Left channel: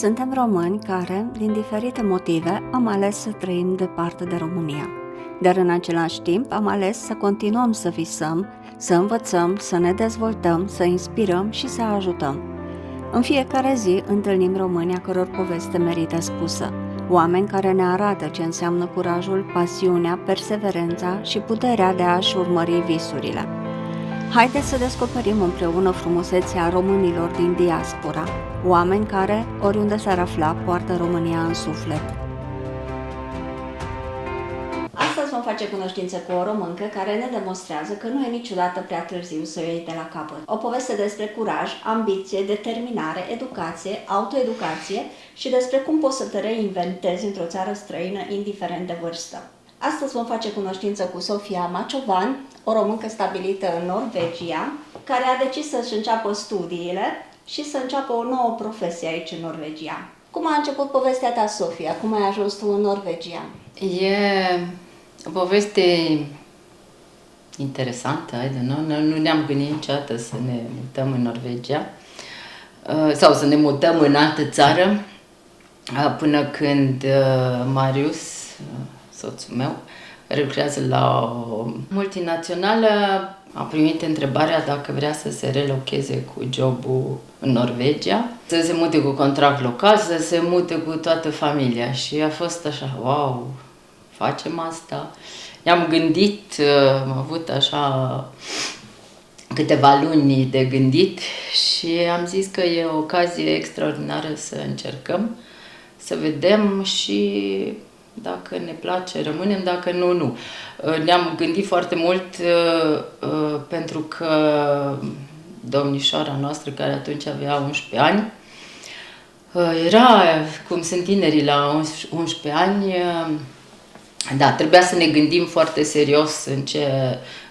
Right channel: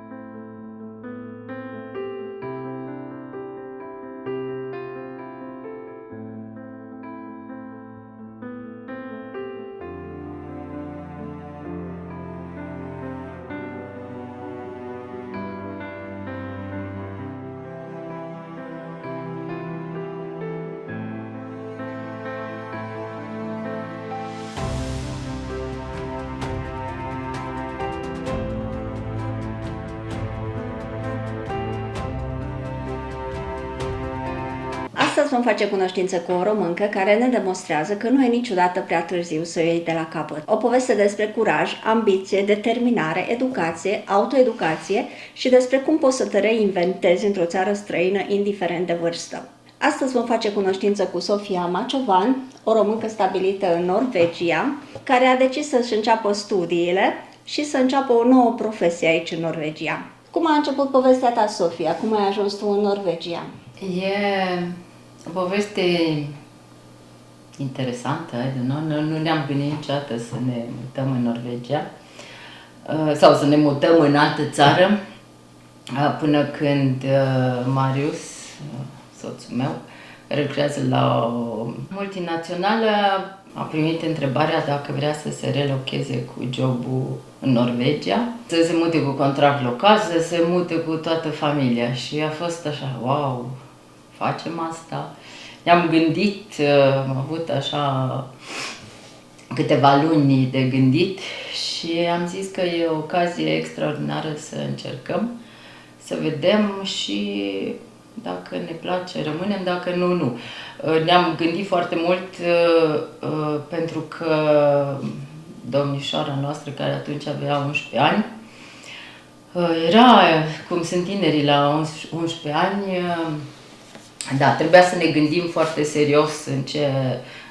Suntem români care, din diferite motive, am ales să trăim departe de România. Dar în același timp am ales să continuăm să visăm, să învățăm, să ne dezvoltăm, să inspirăm și să ajutăm. În fiecare zi întâlnim români a căror poveste merită spusă, oameni care ne arată ce înseamnă curajul, pasiunea, perseverența și puterea de a-și urmări visurile. Haideți să descoperim împreună frumusețea românilor din diaspora, oameni care, oriunde s-ar afla, poartă România în suflet. Astăzi vom face cunoștință cu o româncă care ne demonstrează că nu e niciodată prea târziu să o iei de la capăt. O poveste despre curaj, ambiție, determinare, educație, autoeducație și despre cum poți să te reinventezi într-o țară străină, indiferent de vârstă. Astăzi vom face cunoștință cu Sofia Maciovan, o româncă stabilită în Norvegia, care a decis să-și înceapă studiile și să înceapă o nouă profesie aici în Norvegia. Cum a început povestea ta, Sofia? Cum ai ajuns tu în Norvegia? E o poveste interesantă, nu ne-am gândit niciodată să ne mutăm în Norvegia sau să ne mutăm în altă țară până când Marius, soțul meu, care lucrează la o multinațională, a primit întrebarea dacă vrea să se relocheze cu jobul în Norvegia, să se mute cu contract local, să se mute cu toată familia. Și a fost așa, wow, facem asta. Ne-am gândit, am avut așa câteva luni de gândit și am zis că e o ocazie extraordinară să încercăm, să vedem și dacă ne place, rămânem, dacă nu, nu. Ne-am gândit foarte mult pentru că domnișoara noastră, care atunci avea 11 ani, era, cum sunt tinerii la 11 ani, da, trebuia să ne gândim foarte serios în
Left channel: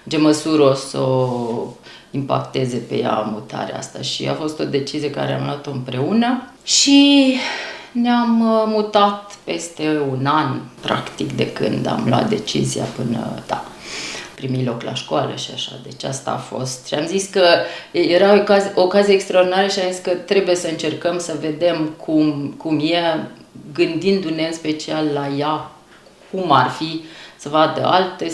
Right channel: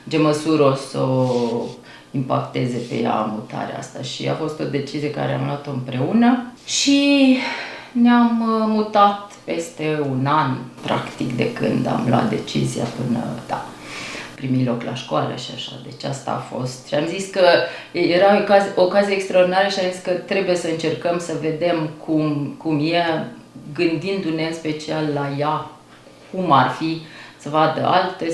ce măsură o să o impacteze pe ea mutarea asta. Și a fost o decizie care am luat-o împreună și ne-am mutat peste un an, practic, de când am luat decizia până, da, primi loc la școală și așa. Deci asta a fost. Și am zis că era o ocazie extraordinară și am zis că trebuie să încercăm să vedem cum e, gândindu-ne în special la ea, cum ar fi, să vadă alt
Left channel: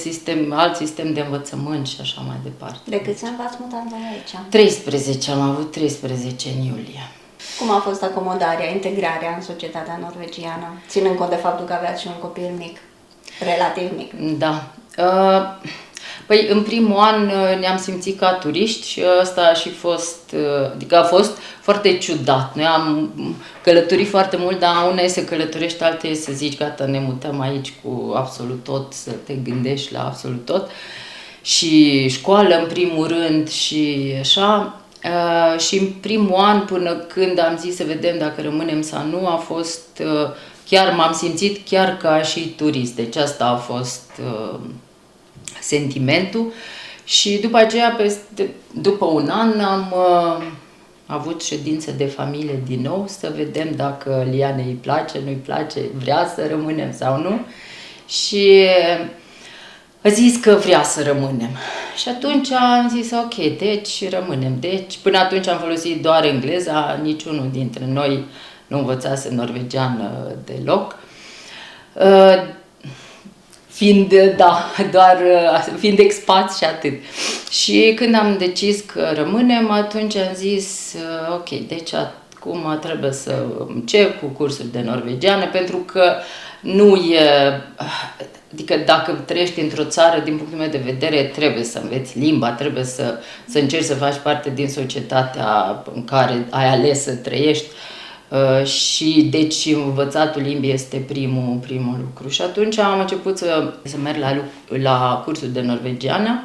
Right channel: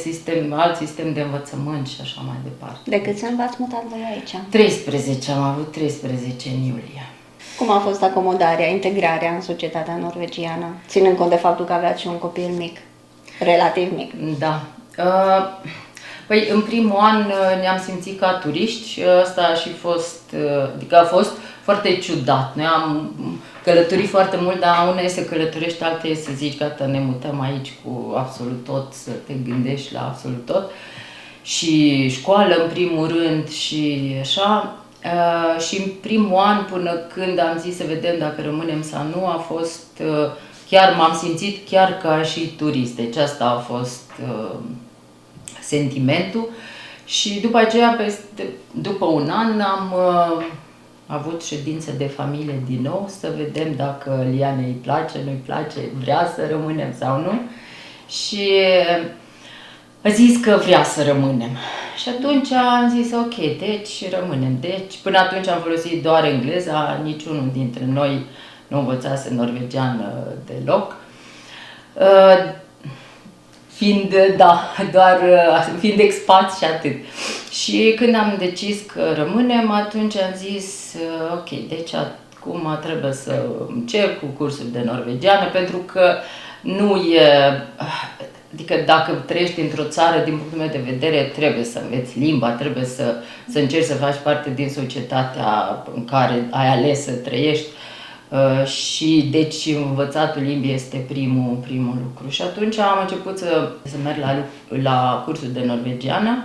sistem de învățământ și așa mai departe. De câți ani v-ați mutat voi aici? 13, am avut 13 în iulie. Cum a fost acomodarea, integrarea în societatea norvegiană, ținând cont de faptul că aveați și un copil mic, relativ mic? Da. Păi, în primul an ne-am simțit ca turiști și asta a și fost, adică a fost foarte ciudat. Noi am călătorit foarte mult, dar una e să călătorești, alta e să zici, gata, ne mutăm aici cu absolut tot, să te gândești la absolut tot. Și școală, în primul rând, și așa. Și în primul an, până când am zis să vedem dacă rămânem sau nu, a fost, chiar m-am simțit chiar ca și turist. Deci asta a fost sentimentul. Și după aceea, după un an, am avut ședință de familie din nou, să vedem dacă Lianei îi place, nu-i place, vrea să rămânem sau nu. Și a zis că vrea să rămânem. Și atunci am zis, ok, deci rămânem. Deci, până atunci am folosit doar engleza, niciunul dintre noi nu învățase norvegiană deloc. Fiind expat și atât. Și când am decis că rămânem, atunci am zis, ok, deci acum trebuie să încep cu cursul de norvegiană, pentru că nu e... Adică dacă trăiești într-o țară, din punctul meu de vedere, trebuie să înveți limba, trebuie să încerci să faci parte din societatea în care ai ales să trăiești. Și deci învățatul limbii este primul lucru. Și atunci am început să merg la cursul de norvegiană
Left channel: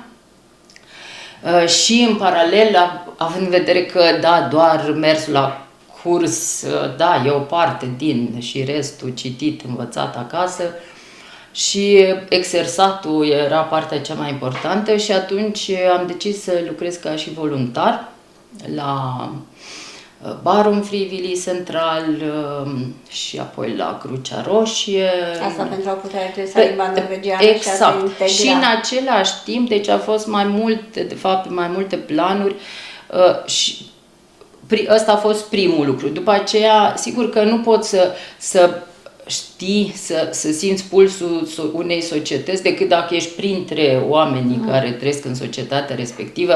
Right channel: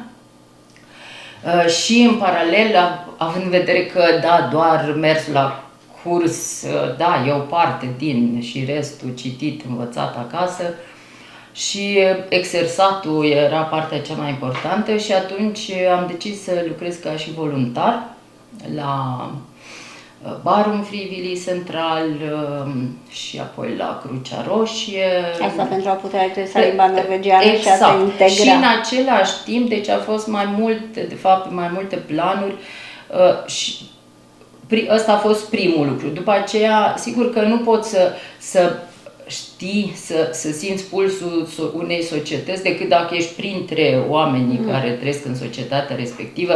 și în paralel, având în vedere că da, doar mersul la curs, da, e o parte din și restul citit, învățat acasă, și exersatul era partea cea mai importantă și atunci am decis să lucrez ca și voluntar la Barum Frivillig Central și apoi la Crucea Roșie. Asta pentru a putea accesa limba norvegiană și a te integra. Și în același timp, deci a fost mai multe planuri și ăsta a fost primul lucru. După aceea, sigur că nu poți să știi, să simți pulsul unei societăți decât dacă ești printre oamenii care trăiesc în societatea respectivă,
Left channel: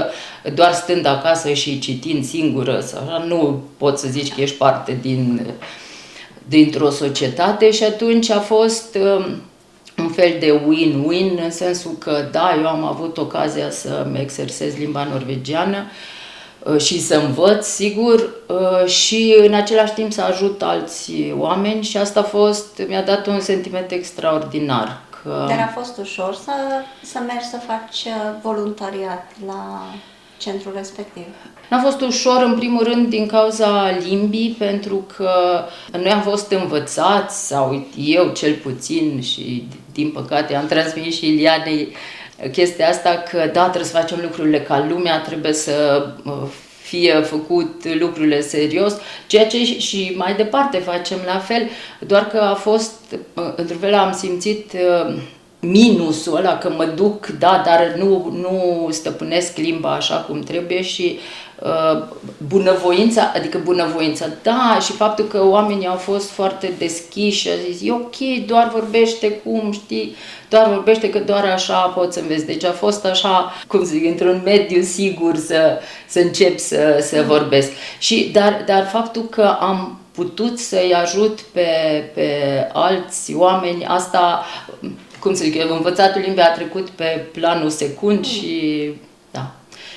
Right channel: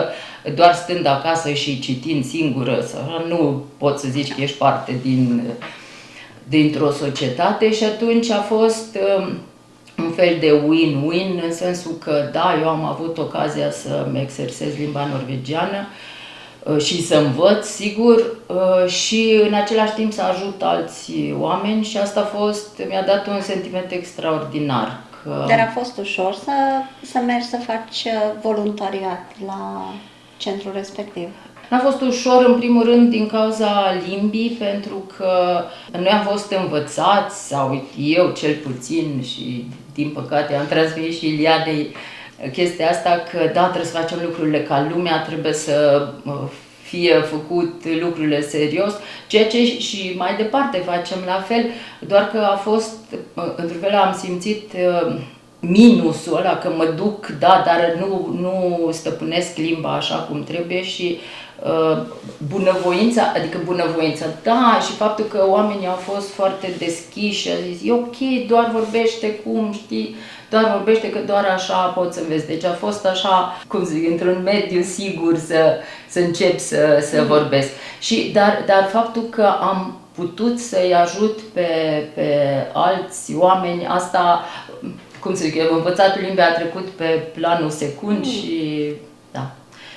doar stând acasă și citind singură, sau așa, nu poți să zici că ești parte dintr-o societate și atunci a fost un fel de win-win, în sensul că, da, eu am avut ocazia să-mi exersez limba norvegiană și să învăț, sigur, și în același timp să ajut alți oameni și asta mi-a dat un sentiment extraordinar. Dar a fost ușor să mergi să faci voluntariat la centrul respectiv? N-a fost ușor, în primul rând, din cauza limbii, pentru că noi am fost învățați, sau eu cel puțin, și din păcate am transmis și Ilianei chestia asta, că da, trebuie să facem lucrurile ca lumea, trebuie să fie făcut lucrurile serios, ceea ce și mai departe facem la fel, doar că a fost, într-un fel am simțit minusul ăla, că mă duc, da, dar nu stăpânesc limba așa cum trebuie și bunăvoința, da, și faptul că oamenii au fost foarte deschiși și a zis, e ok, doar vorbește cum știi, doar vorbește că doar așa poți să înveți. Deci a fost așa, cum să zic, într-un mediu sigur să încep să vorbesc. Dar faptul că am putut să-i ajut pe alți oameni, asta, cum să zic, învățatul limbii a trecut pe planul secund și da.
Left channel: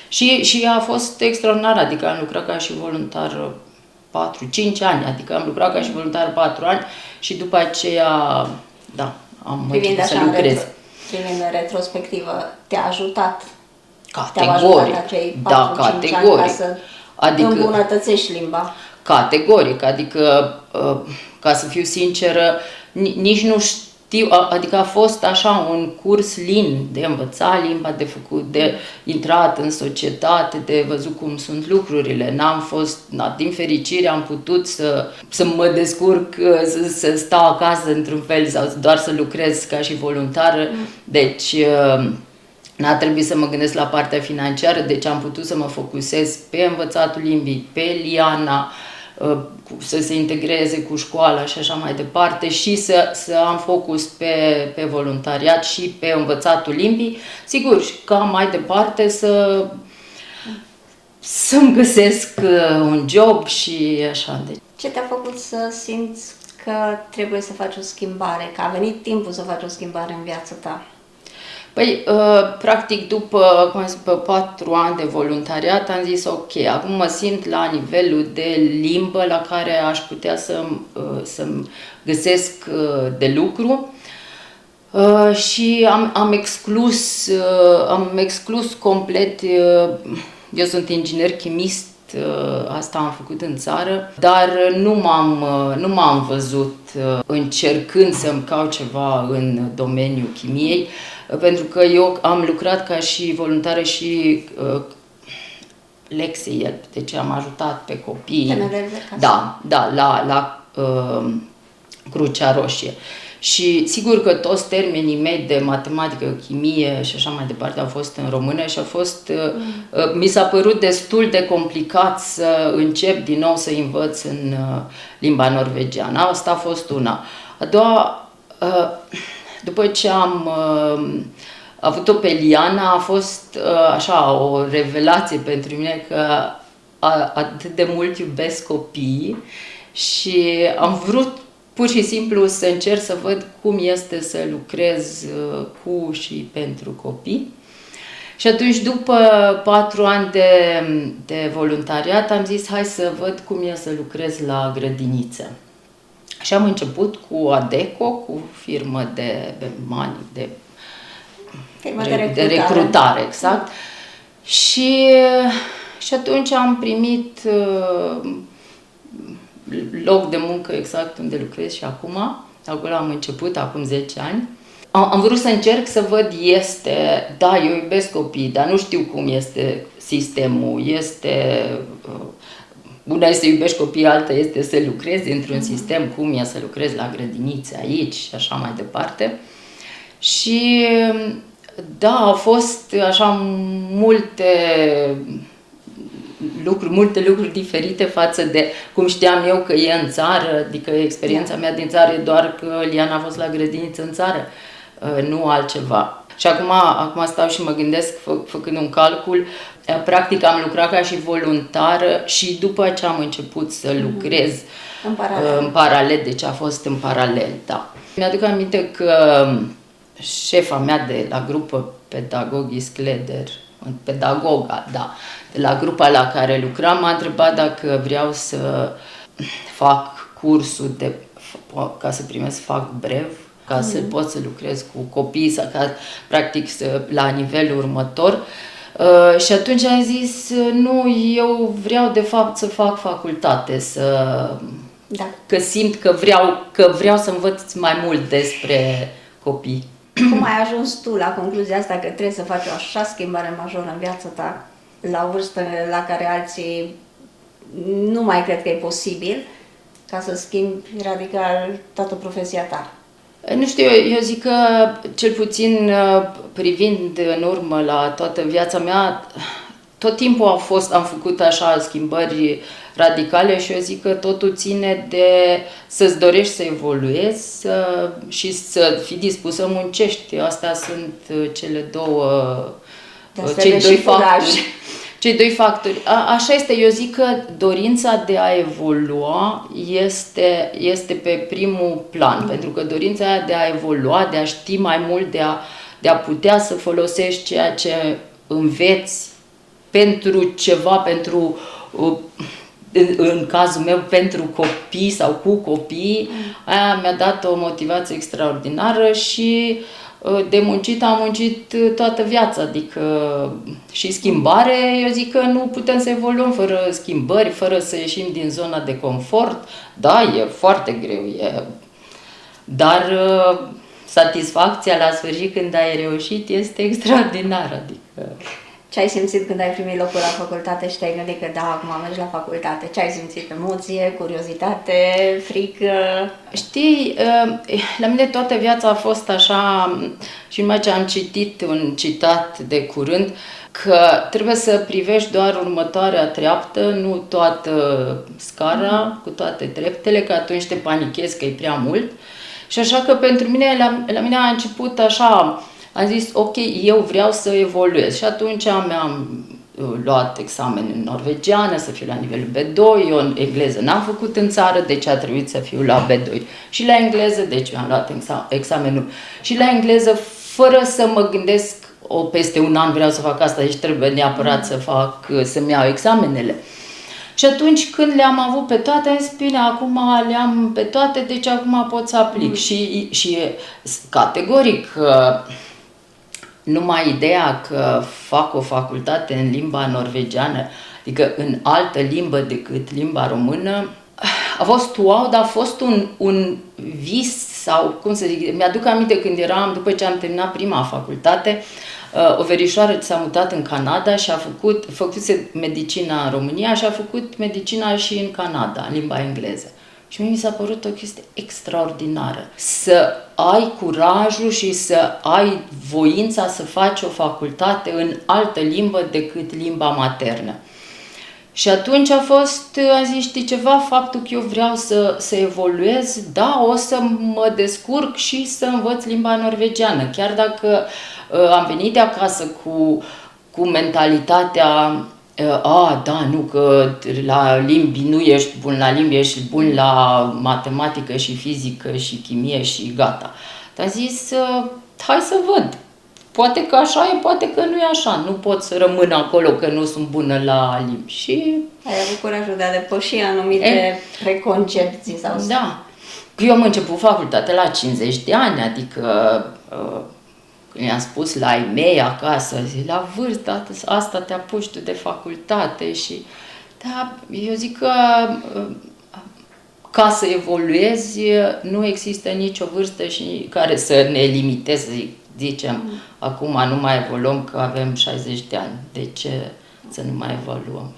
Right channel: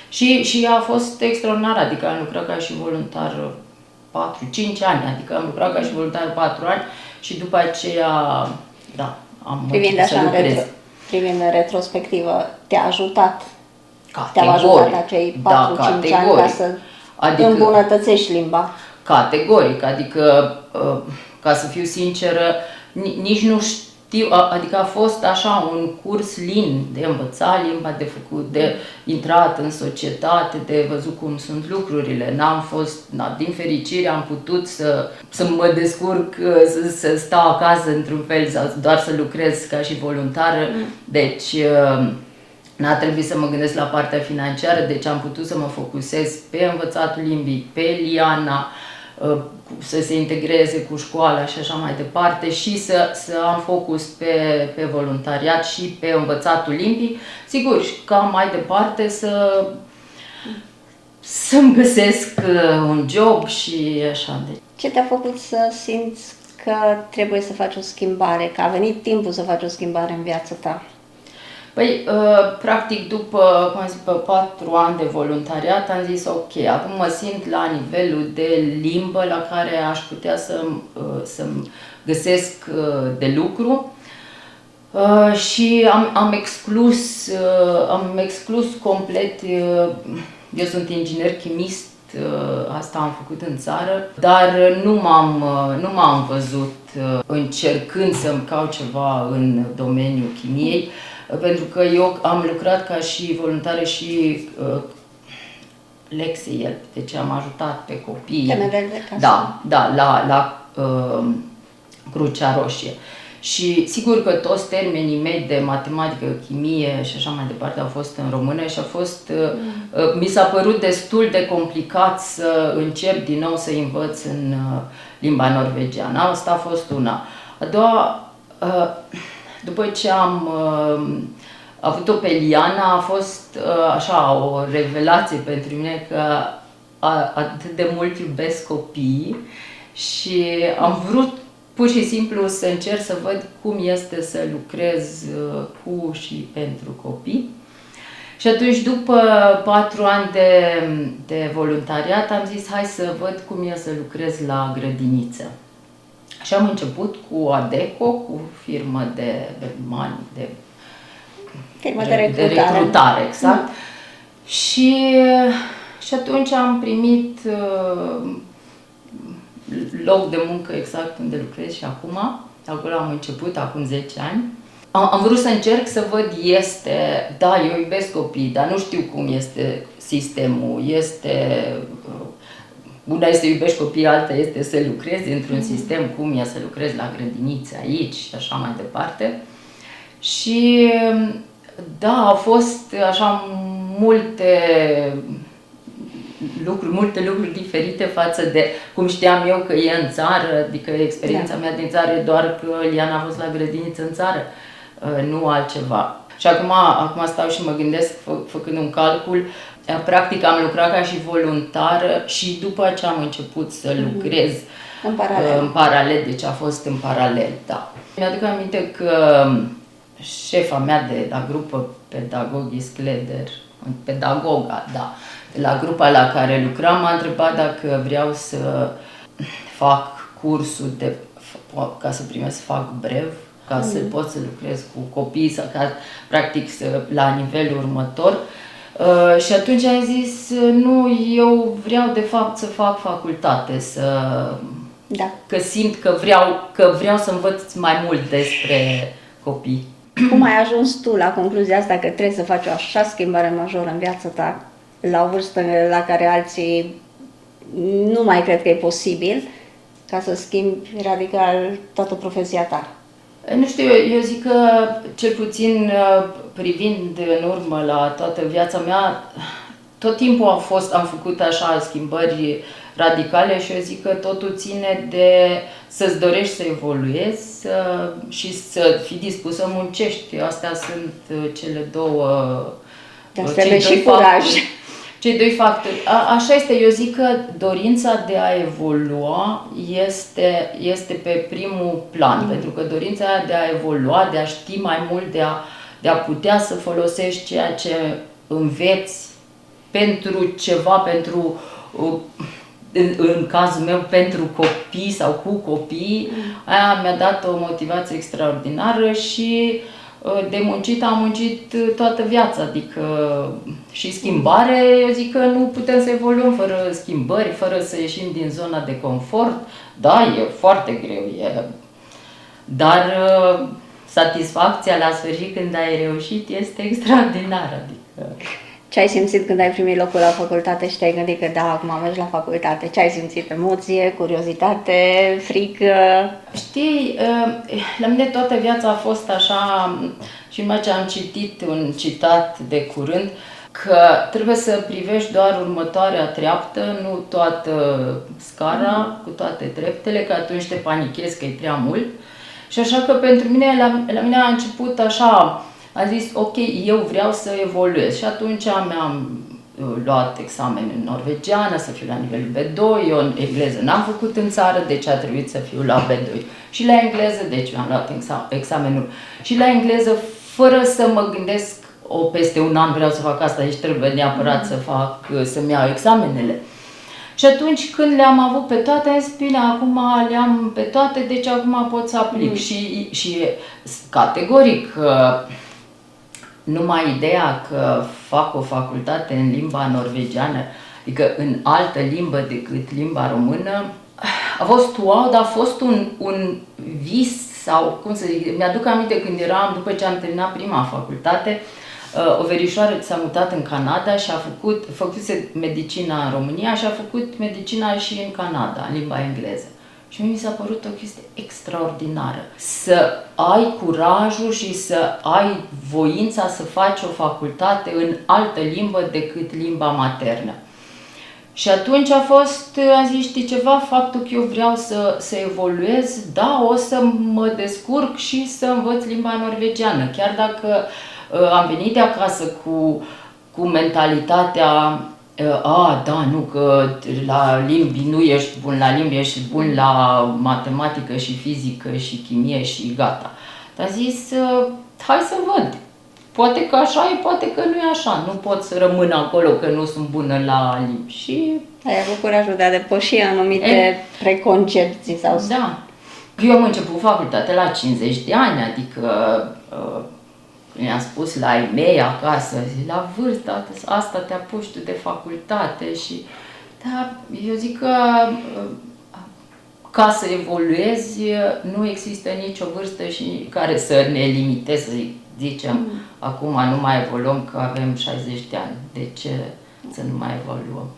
Și a fost extraordinar, adică am lucrat ca și voluntar 4-5 ani, adică am lucrat ca și voluntar 4 ani și după aceea, da, am început să lucrez. Privind în retrospectivă, te-a ajutat? Categoric, te-au ajutat acei 4-5 ani ca să îmbunătățești limba? Categoric, adică, ca să fiu sinceră, nici nu știu, adică a fost așa un curs lin de învățat limba, de făcut, de intrat în societate, de văzut cum sunt lucrurile. N-am fost, din fericire am putut să mă descurc, să stau acasă într-un fel sau doar să lucrez ca și voluntară. Deci n-a trebuit să mă gândesc la partea financiară, deci am putut să mă focusez pe învățatul limbii, pe Liana, să se integreze cu școala și așa mai departe și să am focus pe voluntariat și pe învățatul limbii. Sigur, ca mai departe să-mi găsesc un job și așa. Ce te-a făcut să simți că trebuie să faci o schimbare, că a venit timpul să faci o schimbare în viața ta? Păi, practic, după 4 ani de voluntariat, am zis, ok, acum mă simt la nivelul de limbă la care aș putea să-mi găsesc de lucru și am exclus complet, eu sunt inginer chimist, asta am făcut în țară, dar nu m-am văzut încercând să-mi caut ceva în domeniul chimiei, pentru că eu am lucrat ca și voluntară și Lexie, deci am ajutat pe copii. Da, la Crucea Roșie. Și sigur că toți termenii mei de matematică, chimie și așa mai departe au fost în română și mi s-a părut destul de complicat să încep din nou să învăț în limba norvegiană. Asta a fost una. A doua, după ce am avut-o pe Liana, a fost așa o revelație pentru mine că atât de mult iubesc copiii și am vrut pur și simplu să încerc să văd cum este să lucrez cu și pentru copii. Și atunci, după 4 ani de voluntariat, am zis, hai să văd cum e să lucrez la grădiniță. Și am început cu Adecco, cu firmă de recrutare, exact. Și atunci am primit loc de muncă exact unde lucrez și acum. Acolo am început, acum 10 ani. Am vrut să încerc să văd, da, eu iubesc copiii, dar nu știu cum este sistemul. Una este să iubești copiii, alta este să lucrezi într-un sistem, cum e să lucrezi la grădinițe aici și așa mai departe. Și da, au fost așa multe multe lucruri diferite față de cum știam eu că e în țară, adică experiența mea din țară e doar că Liana a fost la grădiniță în țară, nu altceva. Și acum stau și mă gândesc, făcând un calcul, practic am lucrat ca și voluntară și după ce am început să lucrez în paralel, deci a fost în paralel, da. Mi-aduc aminte că șefa mea de la grupă Pedagogis Cleder, pedagoga, da, de la grupa la care lucram, m-a întrebat dacă vreau să fac cursul ca să primesc, fac brev, ca să pot să lucrez cu copii, sau practic la nivelul următor. Și atunci am zis, nu, eu vreau de fapt să fac facultate, că simt că vreau să învăț mai mult despre copii. Cum ai ajuns tu la concluzia asta că trebuie să faci o așa schimbare majoră în viața ta, la o vârstă la care alții nu mai cred că e posibil, ca să schimbi radical toată profesia ta? Nu știu, eu zic că, cel puțin privind în urmă la toată viața mea, tot timpul am făcut așa schimbări radicale și eu zic că totul ține de să-ți dorești să evoluezi și să fii dispus să muncești. Astea sunt cele cei doi factori. Așa este, eu zic că dorința de a evolua este pe primul plan, pentru că dorința de a evolua, de a ști mai mult, de a putea să folosești ceea ce înveți pentru ceva, în cazul meu, pentru copii sau cu copii, aia mi-a dat o motivație extraordinară și de muncit am muncit toată viața, adică și schimbare, eu zic că nu putem să evoluăm fără schimbări, fără să ieșim din zona de confort. Da, e foarte greu, dar satisfacția la sfârșit când ai reușit este extraordinară, adică... Ce ai simțit când ai primit locul la facultate și te-ai gândit că da, acum mergi la facultate? Ce ai simțit? Emoție, curiozitate, frică? Știi, la mine toată viața a fost așa, și numai ce am citit un citat de curând, că trebuie să privești doar următoarea treaptă, nu toată scara, cu toate treptele, că atunci te panichezi că e prea mult. Și așa că pentru mine, la mine a început așa... Am zis, ok, eu vreau să evoluez și atunci mi-am luat examen în norvegiană, să fiu la nivelul B2, eu în engleză n-am făcut în țară, deci a trebuit să fiu la B2. Și la engleză, deci mi-am luat examenul și la engleză, fără să mă gândesc, peste un an vreau să fac asta, deci trebuie neapărat să-mi iau examenele. Și atunci când le-am avut pe toate, am zis, bine, acum le-am pe toate, deci acum pot să aplic. Și categoric... Numai ideea că fac o facultate în limba norvegiană, adică în altă limbă decât limba română, a fost wow, dar a fost un vis sau, cum să zic, mi-aduc aminte când după ce am terminat prima facultate, o verișoară s-a mutat în Canada și făcuse medicina în România și a făcut medicina și în Canada, în limba engleză. Și mie mi s-a părut o chestie extraordinară. Să ai curajul și să ai voința să faci o facultate în altă limbă decât limba maternă. Și atunci am zis, știi ceva, faptul că eu vreau să evoluez, da, o să mă descurc și să învăț limba norvegiană. Chiar dacă am venit de acasă cu mentalitatea da, nu, că la limbi nu ești bun la limbi, ești bun la matematică și fizică și chimie și gata. Dar am zis, hai să văd. Poate că așa e, poate că nu e așa. Nu pot să rămân acolo că nu sunt bună la limbi. Și... ai avut curajul de a depăși anumite preconcepții sau... Da. Eu am început facultatea la 50 de ani, adică... i-am spus la ai mei acasă, la vârsta asta te apuci tu de facultate și... Da, eu zic că ca să evoluezi nu există nicio vârstă și care să ne limiteze, să zicem, acum nu mai evoluăm că avem 60 de ani, de ce să nu mai evoluăm?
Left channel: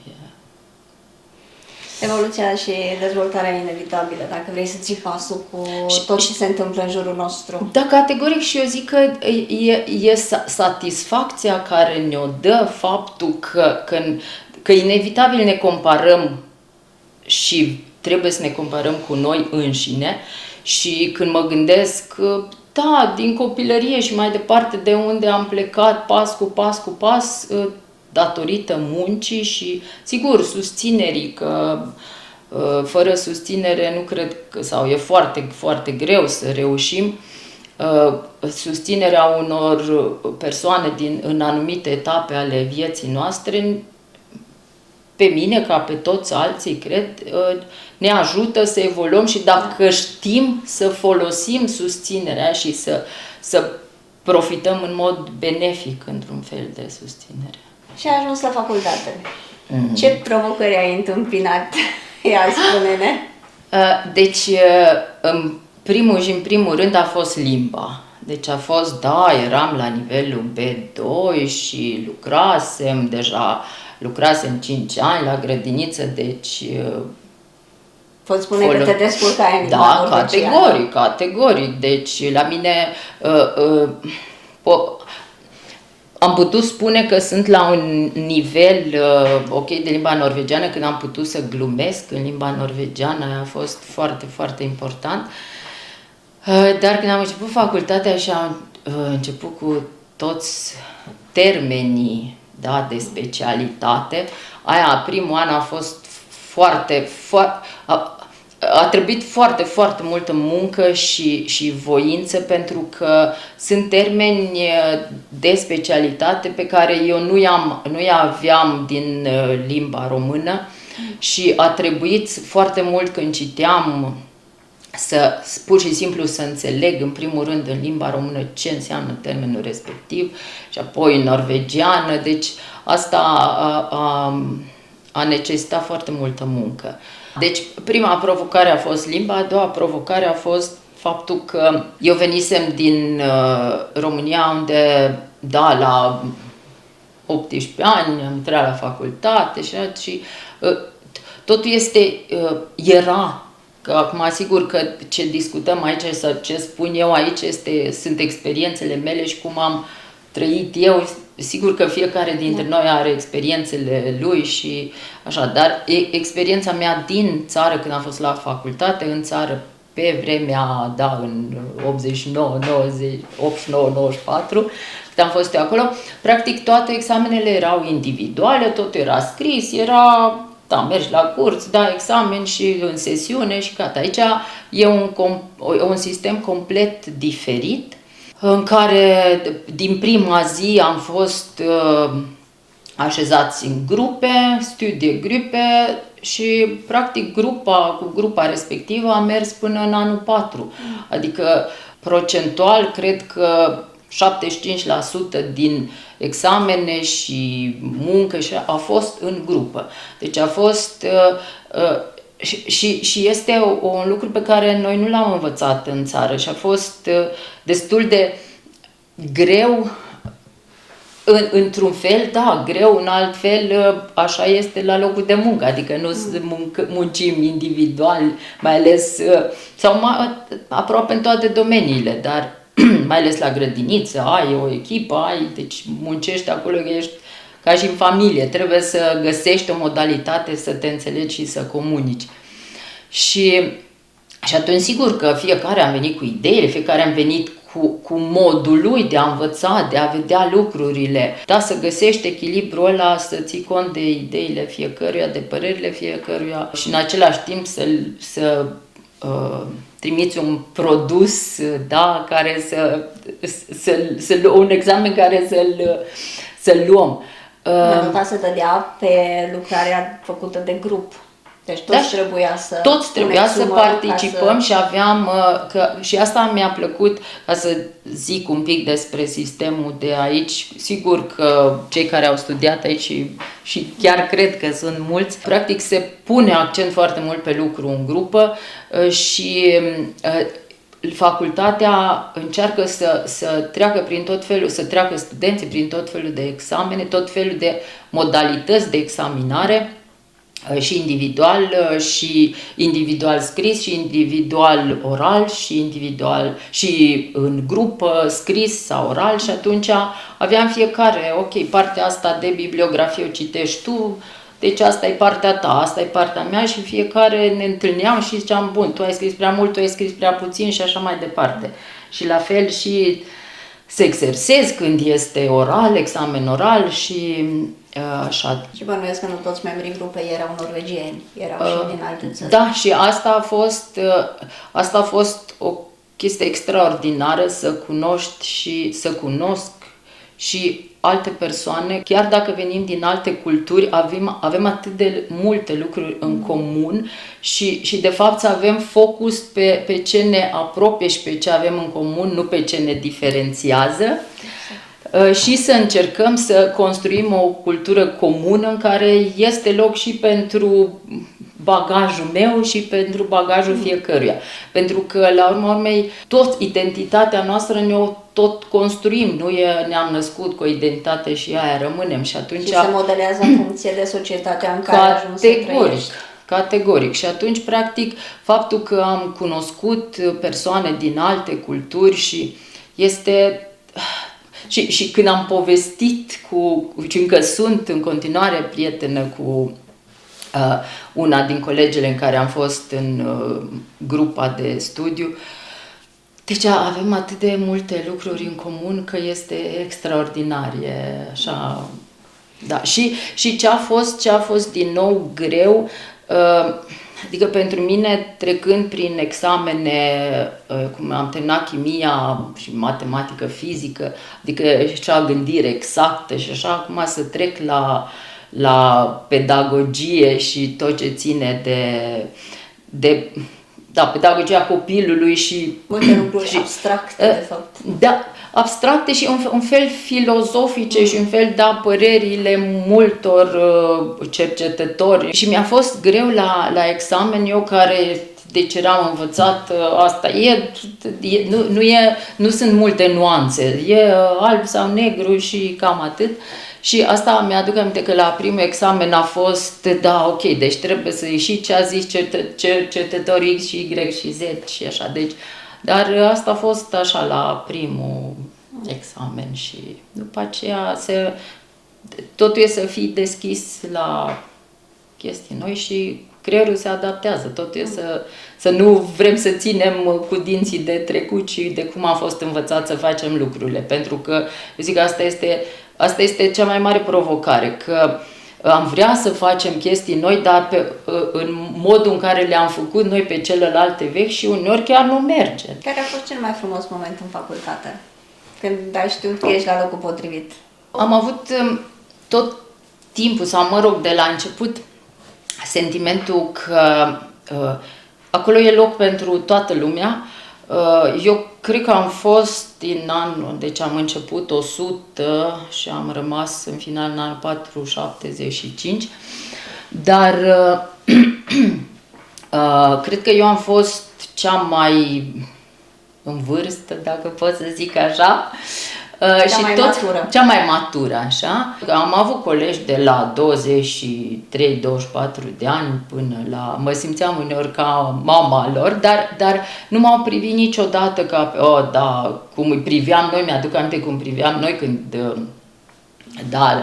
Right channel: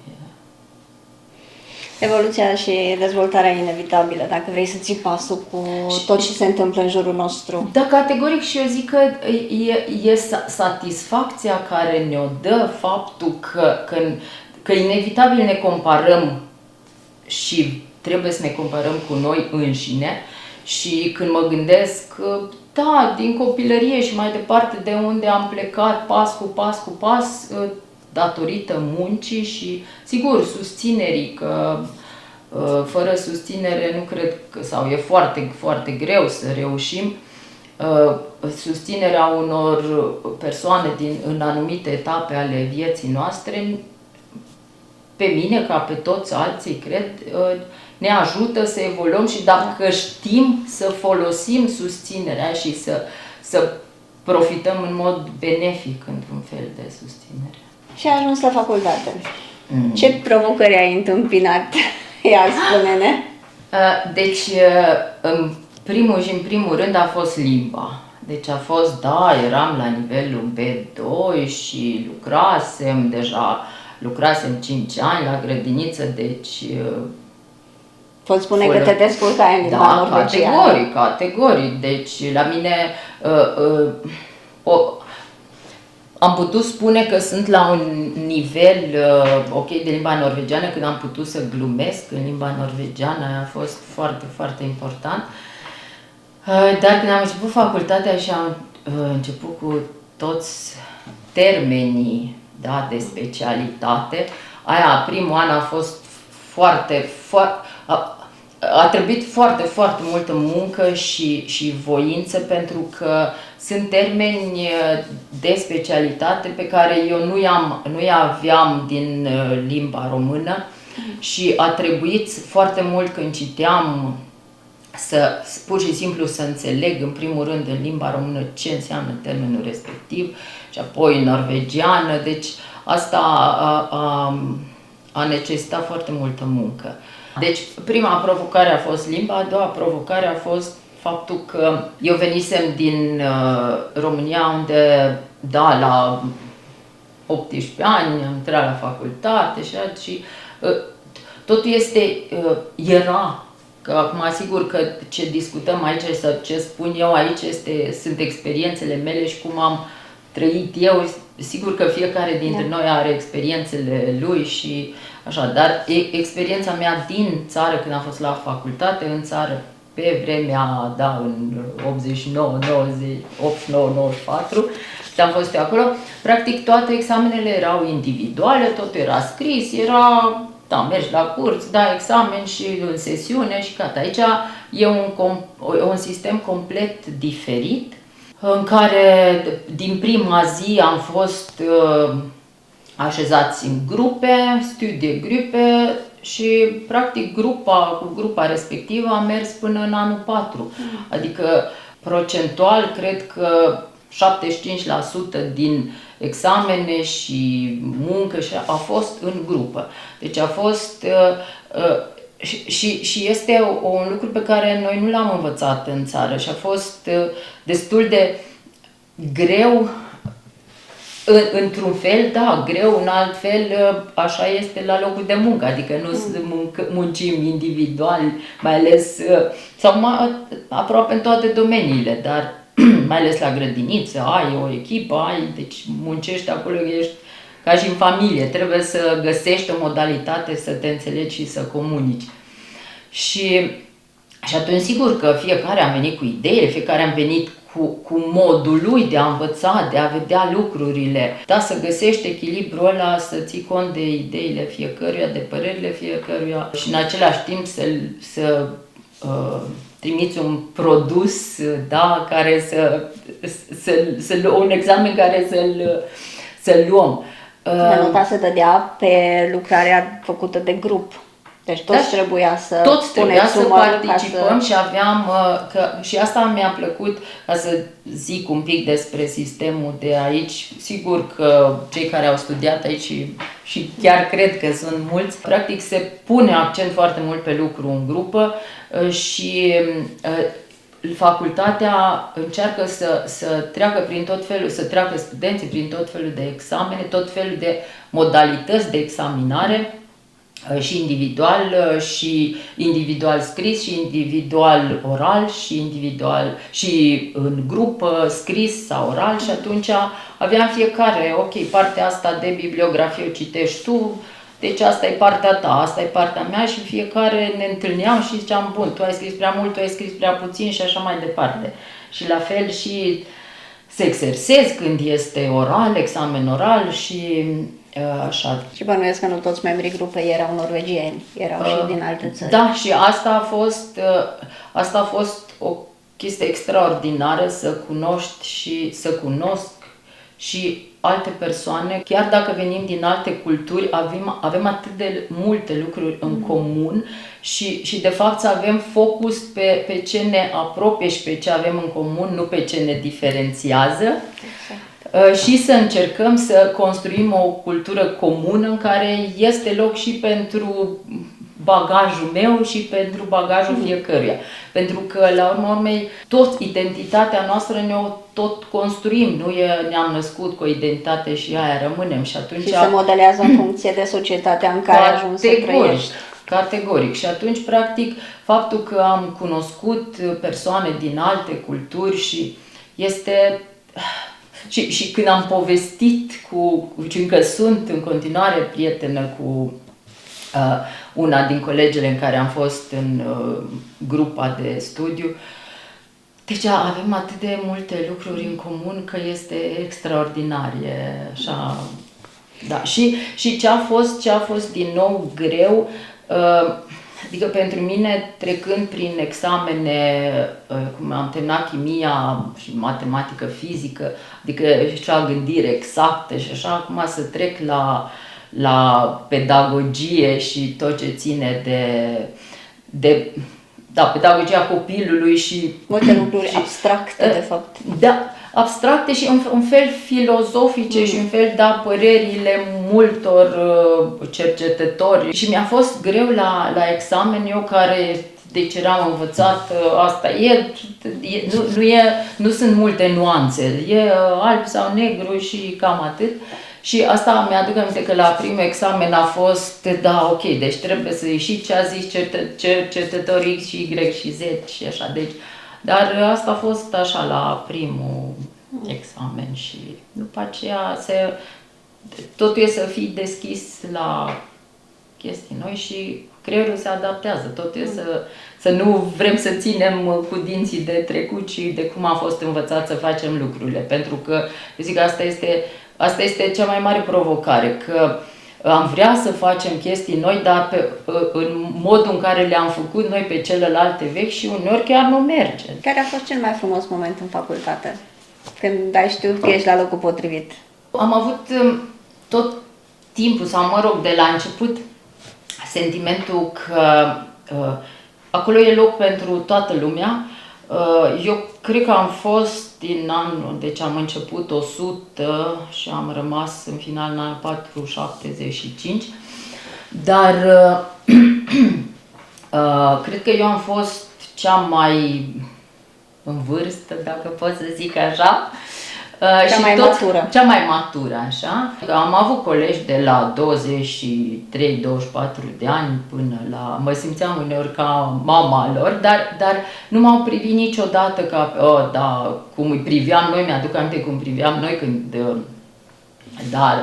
Evoluția și dezvoltarea inevitabilă, dacă vrei să ții pasul cu tot ce se întâmplă în jurul nostru. Da, categoric, și eu zic că e satisfacția care ne-o dă faptul că că inevitabil ne comparăm și trebuie să ne comparăm cu noi înșine și când mă gândesc, da, din copilărie și mai departe de unde am plecat pas cu pas, datorită muncii și, sigur, susținerii, că fără susținere nu cred că, sau e foarte, foarte greu să reușim, susținerea unor persoane în anumite etape ale vieții noastre, pe mine, ca pe toți alții, cred, ne ajută să evoluăm și dacă știm să folosim susținerea și să profităm în mod benefic într-un fel de susținere. Și ai ajuns la facultate. Ce provocări ai întâmpinat? Ia, spune-ne. Deci, în primul rând a fost limba. Deci a fost, da, eram la nivelul B2 și lucrasem 5 ani la grădiniță, deci... Poți spune că te descurcai în limba norvegiană? Da, categoric. Deci la mine am putut spune că sunt la un nivel ok de limba norvegiană când am putut să glumesc în limba norvegiană, a fost foarte, foarte important. Dar când am început facultatea și am început cu toți termenii, da, de specialitate, primul an a fost a trebuit foarte, foarte multă muncă și voință, pentru că sunt termeni de specialitate pe care eu nu-i aveam din limba română și a trebuit foarte mult când citeam pur și simplu să înțeleg în primul rând în limba română ce înseamnă termenul respectiv și apoi în norvegiană, deci asta a necesitat foarte multă muncă. Deci prima provocare a fost limba, a doua provocare a fost faptul că eu venisem din România unde, da, la 18 ani am intrat la facultate și totul era. Că acum, sigur că ce discutăm aici sau ce spun eu aici sunt experiențele mele și cum am trăit eu. Sigur că fiecare dintre noi are experiențele lui și așa, dar experiența mea din țară, când am fost la facultate, în țară, pe vremea, da, în 89, 90, 89, 94, am fost eu acolo, practic toate examenele erau individuale, totul era scris, da, mergi la curs, dai examen și în sesiune și gata. Aici e un sistem complet diferit, în care din prima zi am fost așezați în grupe, studiegrupe și practic cu grupa respectivă am mers până în anul 4. Adică procentual cred că 75% din examene și muncă a fost în grupă. Deci a fost și este un lucru pe care noi nu l-am învățat în țară și a fost destul de greu într-un fel, da, greu, în alt fel, așa este la locul de muncă, adică nu muncim individual, mai ales, sau aproape în toate domeniile, dar mai ales la grădiniță, ai o echipă, deci muncești acolo, ești ca și în familie, trebuie să găsești o modalitate să te înțelegi și să comunici. Și atunci, sigur că fiecare a venit cu ideile, fiecare a venit cu modul lui de a învăța, de a vedea lucrurile, da, să găsești echilibrul ăla, să ții cont de ideile fiecăruia, de părerile fiecăruia și în același timp să trimiți un produs, da, care un examen care să-l luăm. Nota se dădea pe lucrarea făcută de grup. Deci toți trebuia să participăm și aveam, și asta mi-a plăcut, ca să zic un pic despre sistemul de aici. Sigur că cei care au studiat aici și chiar cred că sunt mulți, practic se pune accent foarte mult pe lucru în grupă și facultatea încearcă să treacă prin tot felul, să treacă studenții prin tot felul de examene, tot felul de modalități de examinare, și individual scris și individual oral și în grupă scris sau oral și atunci aveam fiecare, ok, partea asta de bibliografie o citești tu, deci asta e partea ta, asta e partea mea și fiecare ne întâlneam și ziceam, bun, tu ai scris prea mult, tu ai scris prea puțin și așa mai departe. Și la fel și se exersezi când este oral, examen oral și așa. Și bănuiesc că nu toți membrii grupului erau norvegieni, erau și din alte țări. Da, și asta a fost o chestie extraordinară, să cunoști și să cunosc și alte persoane, chiar dacă venim din alte culturi, avem atât de multe lucruri în comun și de fapt să avem focus pe ce ne apropie și pe ce avem în comun, nu pe ce ne diferențiază. Și să încercăm să construim o cultură comună în care este loc și pentru bagajul meu și pentru bagajul fiecăruia. Pentru că, la urma urmei, tot identitatea noastră ne-o tot construim. Ne-am născut cu o identitate și aia rămânem. Și atunci... Și se modelează în funcție de societatea în care ajungi să trăiești. Categoric. Și atunci, practic, faptul că am cunoscut persoane din alte culturi și este... Și când am povestit și încă sunt în continuare prietenă cu una din colegele în care am fost în grupa de studiu, deci avem atât de multe lucruri în comun că este extraordinar, e așa, da. Și ce a fost din nou greu, adică pentru mine, trecând prin examene, cum am terminat chimia și matematică, fizică, adică și a gândire exactă și așa, acum să trec la pedagogie și tot ce ține de pedagogia copilului și... Multe lucruri abstracte, de fapt. Da, abstracte și un fel filozofice și un fel părerile multor cercetători. Și mi-a fost greu la examen, eu care deci eram învățat, asta nu sunt multe nuanțe, e alb sau negru și cam atât. Și asta mi-aduc aminte că la primul examen a fost, da, ok, deci trebuie să ieși ce a zis cercetătorii X și Y și Z și așa, deci, dar asta a fost așa la primul examen și după aceea totul e să fii deschis la chestii noi și creierul se adaptează, totul e să nu vrem să ținem cu dinții de trecut și de cum a fost învățat să facem lucrurile, pentru că, eu zic, asta este cea mai mare provocare, că am vrea să facem chestii noi, dar în modul în care le-am făcut noi pe celelalte vechi și uneori chiar nu merge. Care a fost cel mai frumos moment în facultate? Când ai știut că ești la locul potrivit? Am avut tot timpul, sau mă rog, de la început, sentimentul că acolo e loc pentru toată lumea. Eu cred că am fost din anul, deci am început 100 și am rămas în final în anul 475, dar cred că eu am fost cea mai în vârstă, dacă pot să zic așa, cea mai matură, așa. Am avut colegi de la 23-24 de ani până la... Mă simțeam uneori ca mama lor, dar nu m-au privit niciodată ca... da, cum îi priveam noi, mi-aduc aminte cum priveam noi când... Da,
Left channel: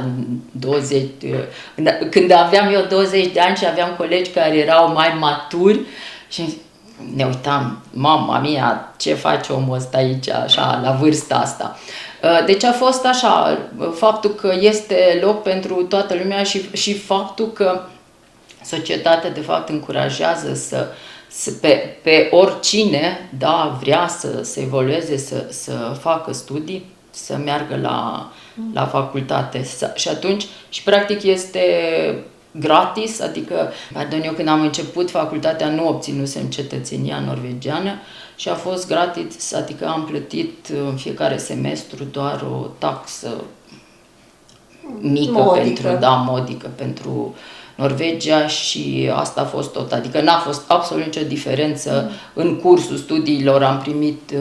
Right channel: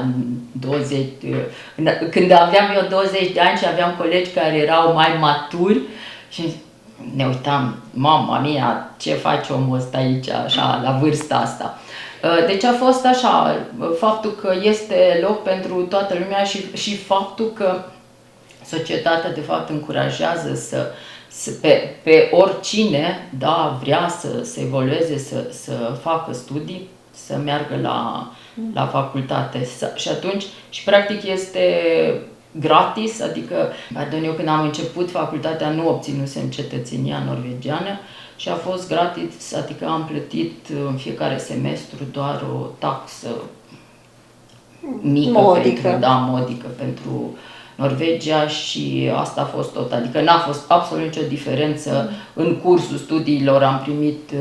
când aveam eu 20 de ani și aveam colegi care erau mai maturi și ne uitam, mama mia, ce face omul ăsta aici, așa, la vârsta asta. Deci a fost așa, faptul că este loc pentru toată lumea și faptul că societatea de fapt încurajează pe oricine, da, vrea să se evolueze, să facă studii, să meargă la facultate. Și atunci, și practic este gratis, adică, eu când am început facultatea nu obținusem cetățenia norvegiană, și a fost gratis, adică am plătit în fiecare semestru doar o taxă mică, modică pentru Norvegia și asta a fost tot. Adică n-a fost absolut nicio diferență în cursul studiilor, am primit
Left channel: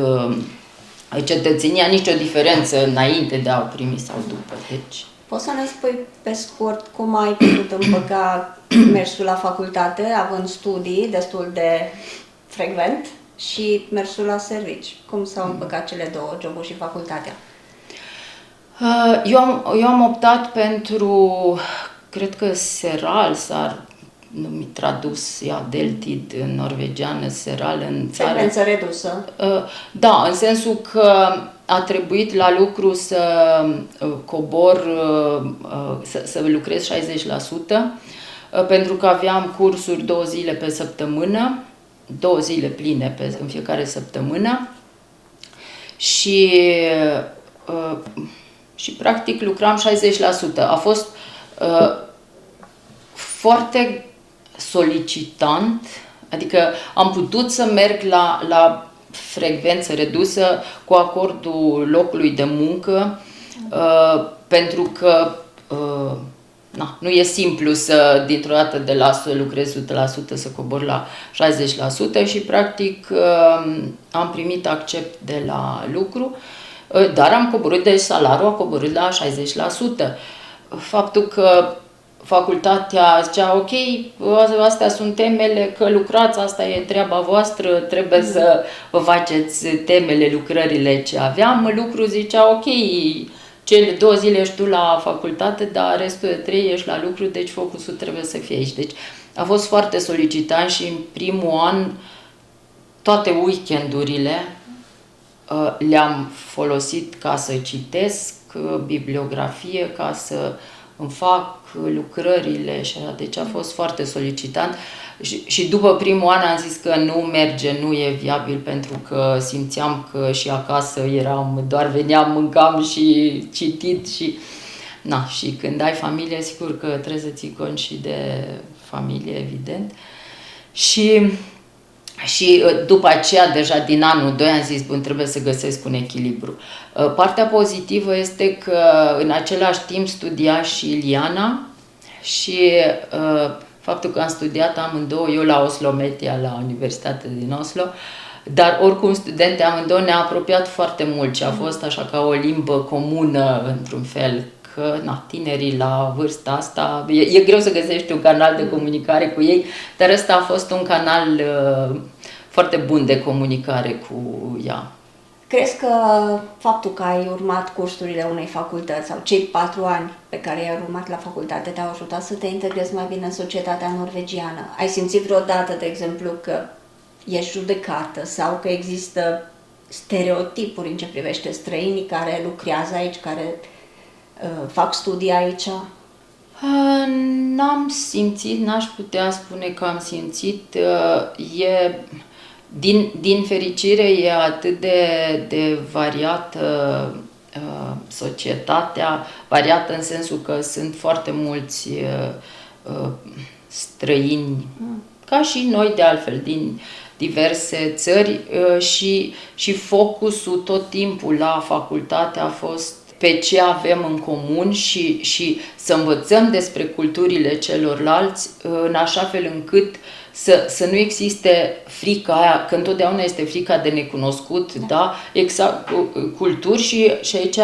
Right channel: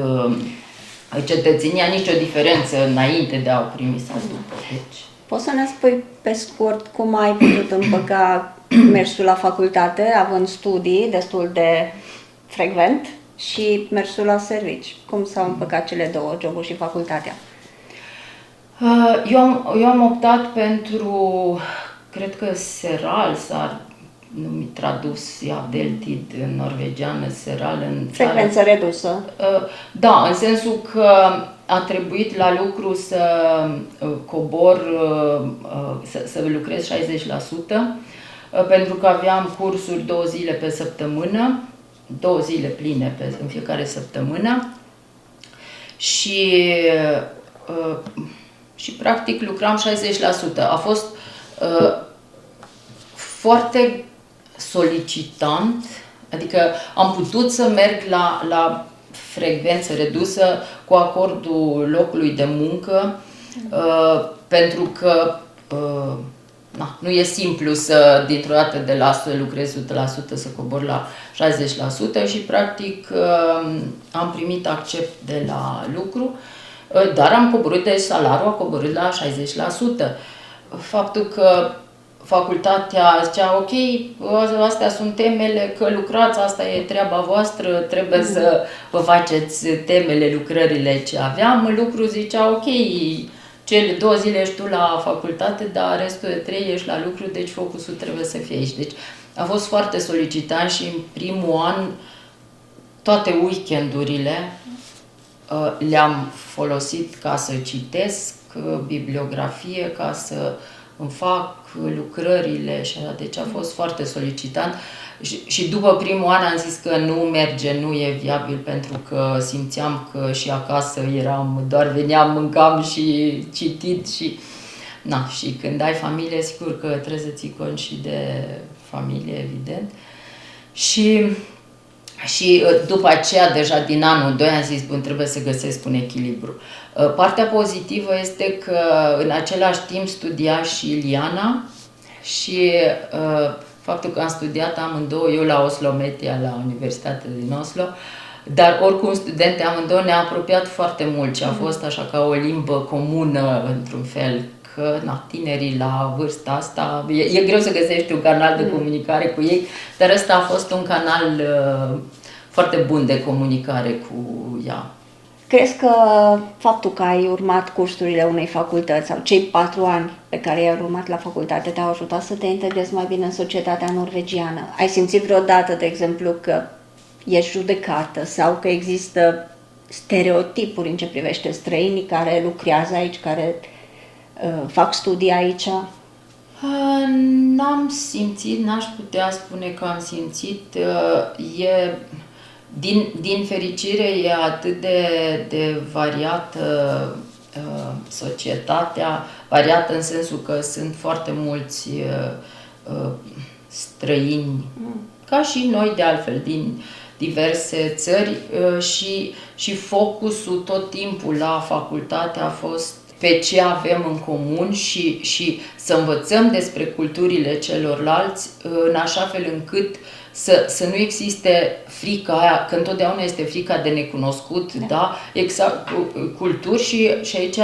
cetățenia, nicio diferență înainte de a primi sau după. Deci. Poți să ne spui pe scurt cum ai putut împăca mersul la facultate, având studii destul de frecvent, și mersul la servici? Cum s-au împăcat cele două, jobul și facultatea? Eu am optat pentru cred că seral s-ar numi tradus deltid în norvegiană, seral în țară. Frecvență redusă. Da, în sensul că a trebuit la lucru să cobor, să lucrez 60%, pentru că aveam cursuri 2 zile pe săptămână, 2 zile pline în fiecare săptămână și practic lucram 60%. A fost foarte solicitant, adică am putut să merg la frecvență redusă cu acordul locului de muncă, pentru că nu e simplu să dintr-o dată de la să lucrez 100% să cobor la 60% și practic am primit accept de la lucru, dar am coborât, deci salariul a coborât la 60%. Faptul că facultatea zicea, ok, astea sunt temele, că lucrați, asta e treaba voastră, trebuie să vă faceți temele, lucrările ce aveam. Lucru zicea, ok, cele 2 zile ești tu la facultate, dar restul de 3 ești la lucru, deci focusul trebuie să fie aici. Deci a fost foarte solicitant și în primul an toate weekendurile le-am folosit ca să citesc bibliografie, ca să îmi fac lucrările și așa. Deci a fost foarte solicitant și după primul an am zis că nu merge, nu e viabil, pentru că simțeam că și acasă doar veneam, mâncam și citit și și când ai familie, sigur că trebuie să ții cont și de familie, evident. Și după aceea, deja din anul 2, am zis, bun, trebuie să găsesc un echilibru. Partea pozitivă este că în același timp studia și Iliana și faptul că am studiat amândouă, eu la Oslo Media, la Universitatea din Oslo, dar oricum studente amândouă ne-a apropiat foarte mult și a fost așa ca o limbă comună, într-un fel, că tinerii la vârsta asta, e greu să găsești un canal de comunicare cu ei, dar ăsta a fost un canal foarte bun de comunicare cu ea. Crezi că faptul că ai urmat cursurile unei facultăți sau cei 4 ani pe care i-ai urmat la facultate te-au ajutat să te integrezi mai bine în societatea norvegiană? Ai simțit vreodată, de exemplu, că ești judecată sau că există stereotipuri în ce privește străinii care lucrează aici, care fac studii aici? N-am simțit, n-aș putea spune că am simțit. Din fericire e atât de variată societatea, variată în sensul că sunt foarte mulți străini, ca și noi de altfel, din diverse țări și focusul tot timpul la facultate a fost pe ce avem în comun și să învățăm despre culturile celorlalți în așa fel încât să nu existe frica aia, că întotdeauna este frica de necunoscut, da? Exact, culturi și aici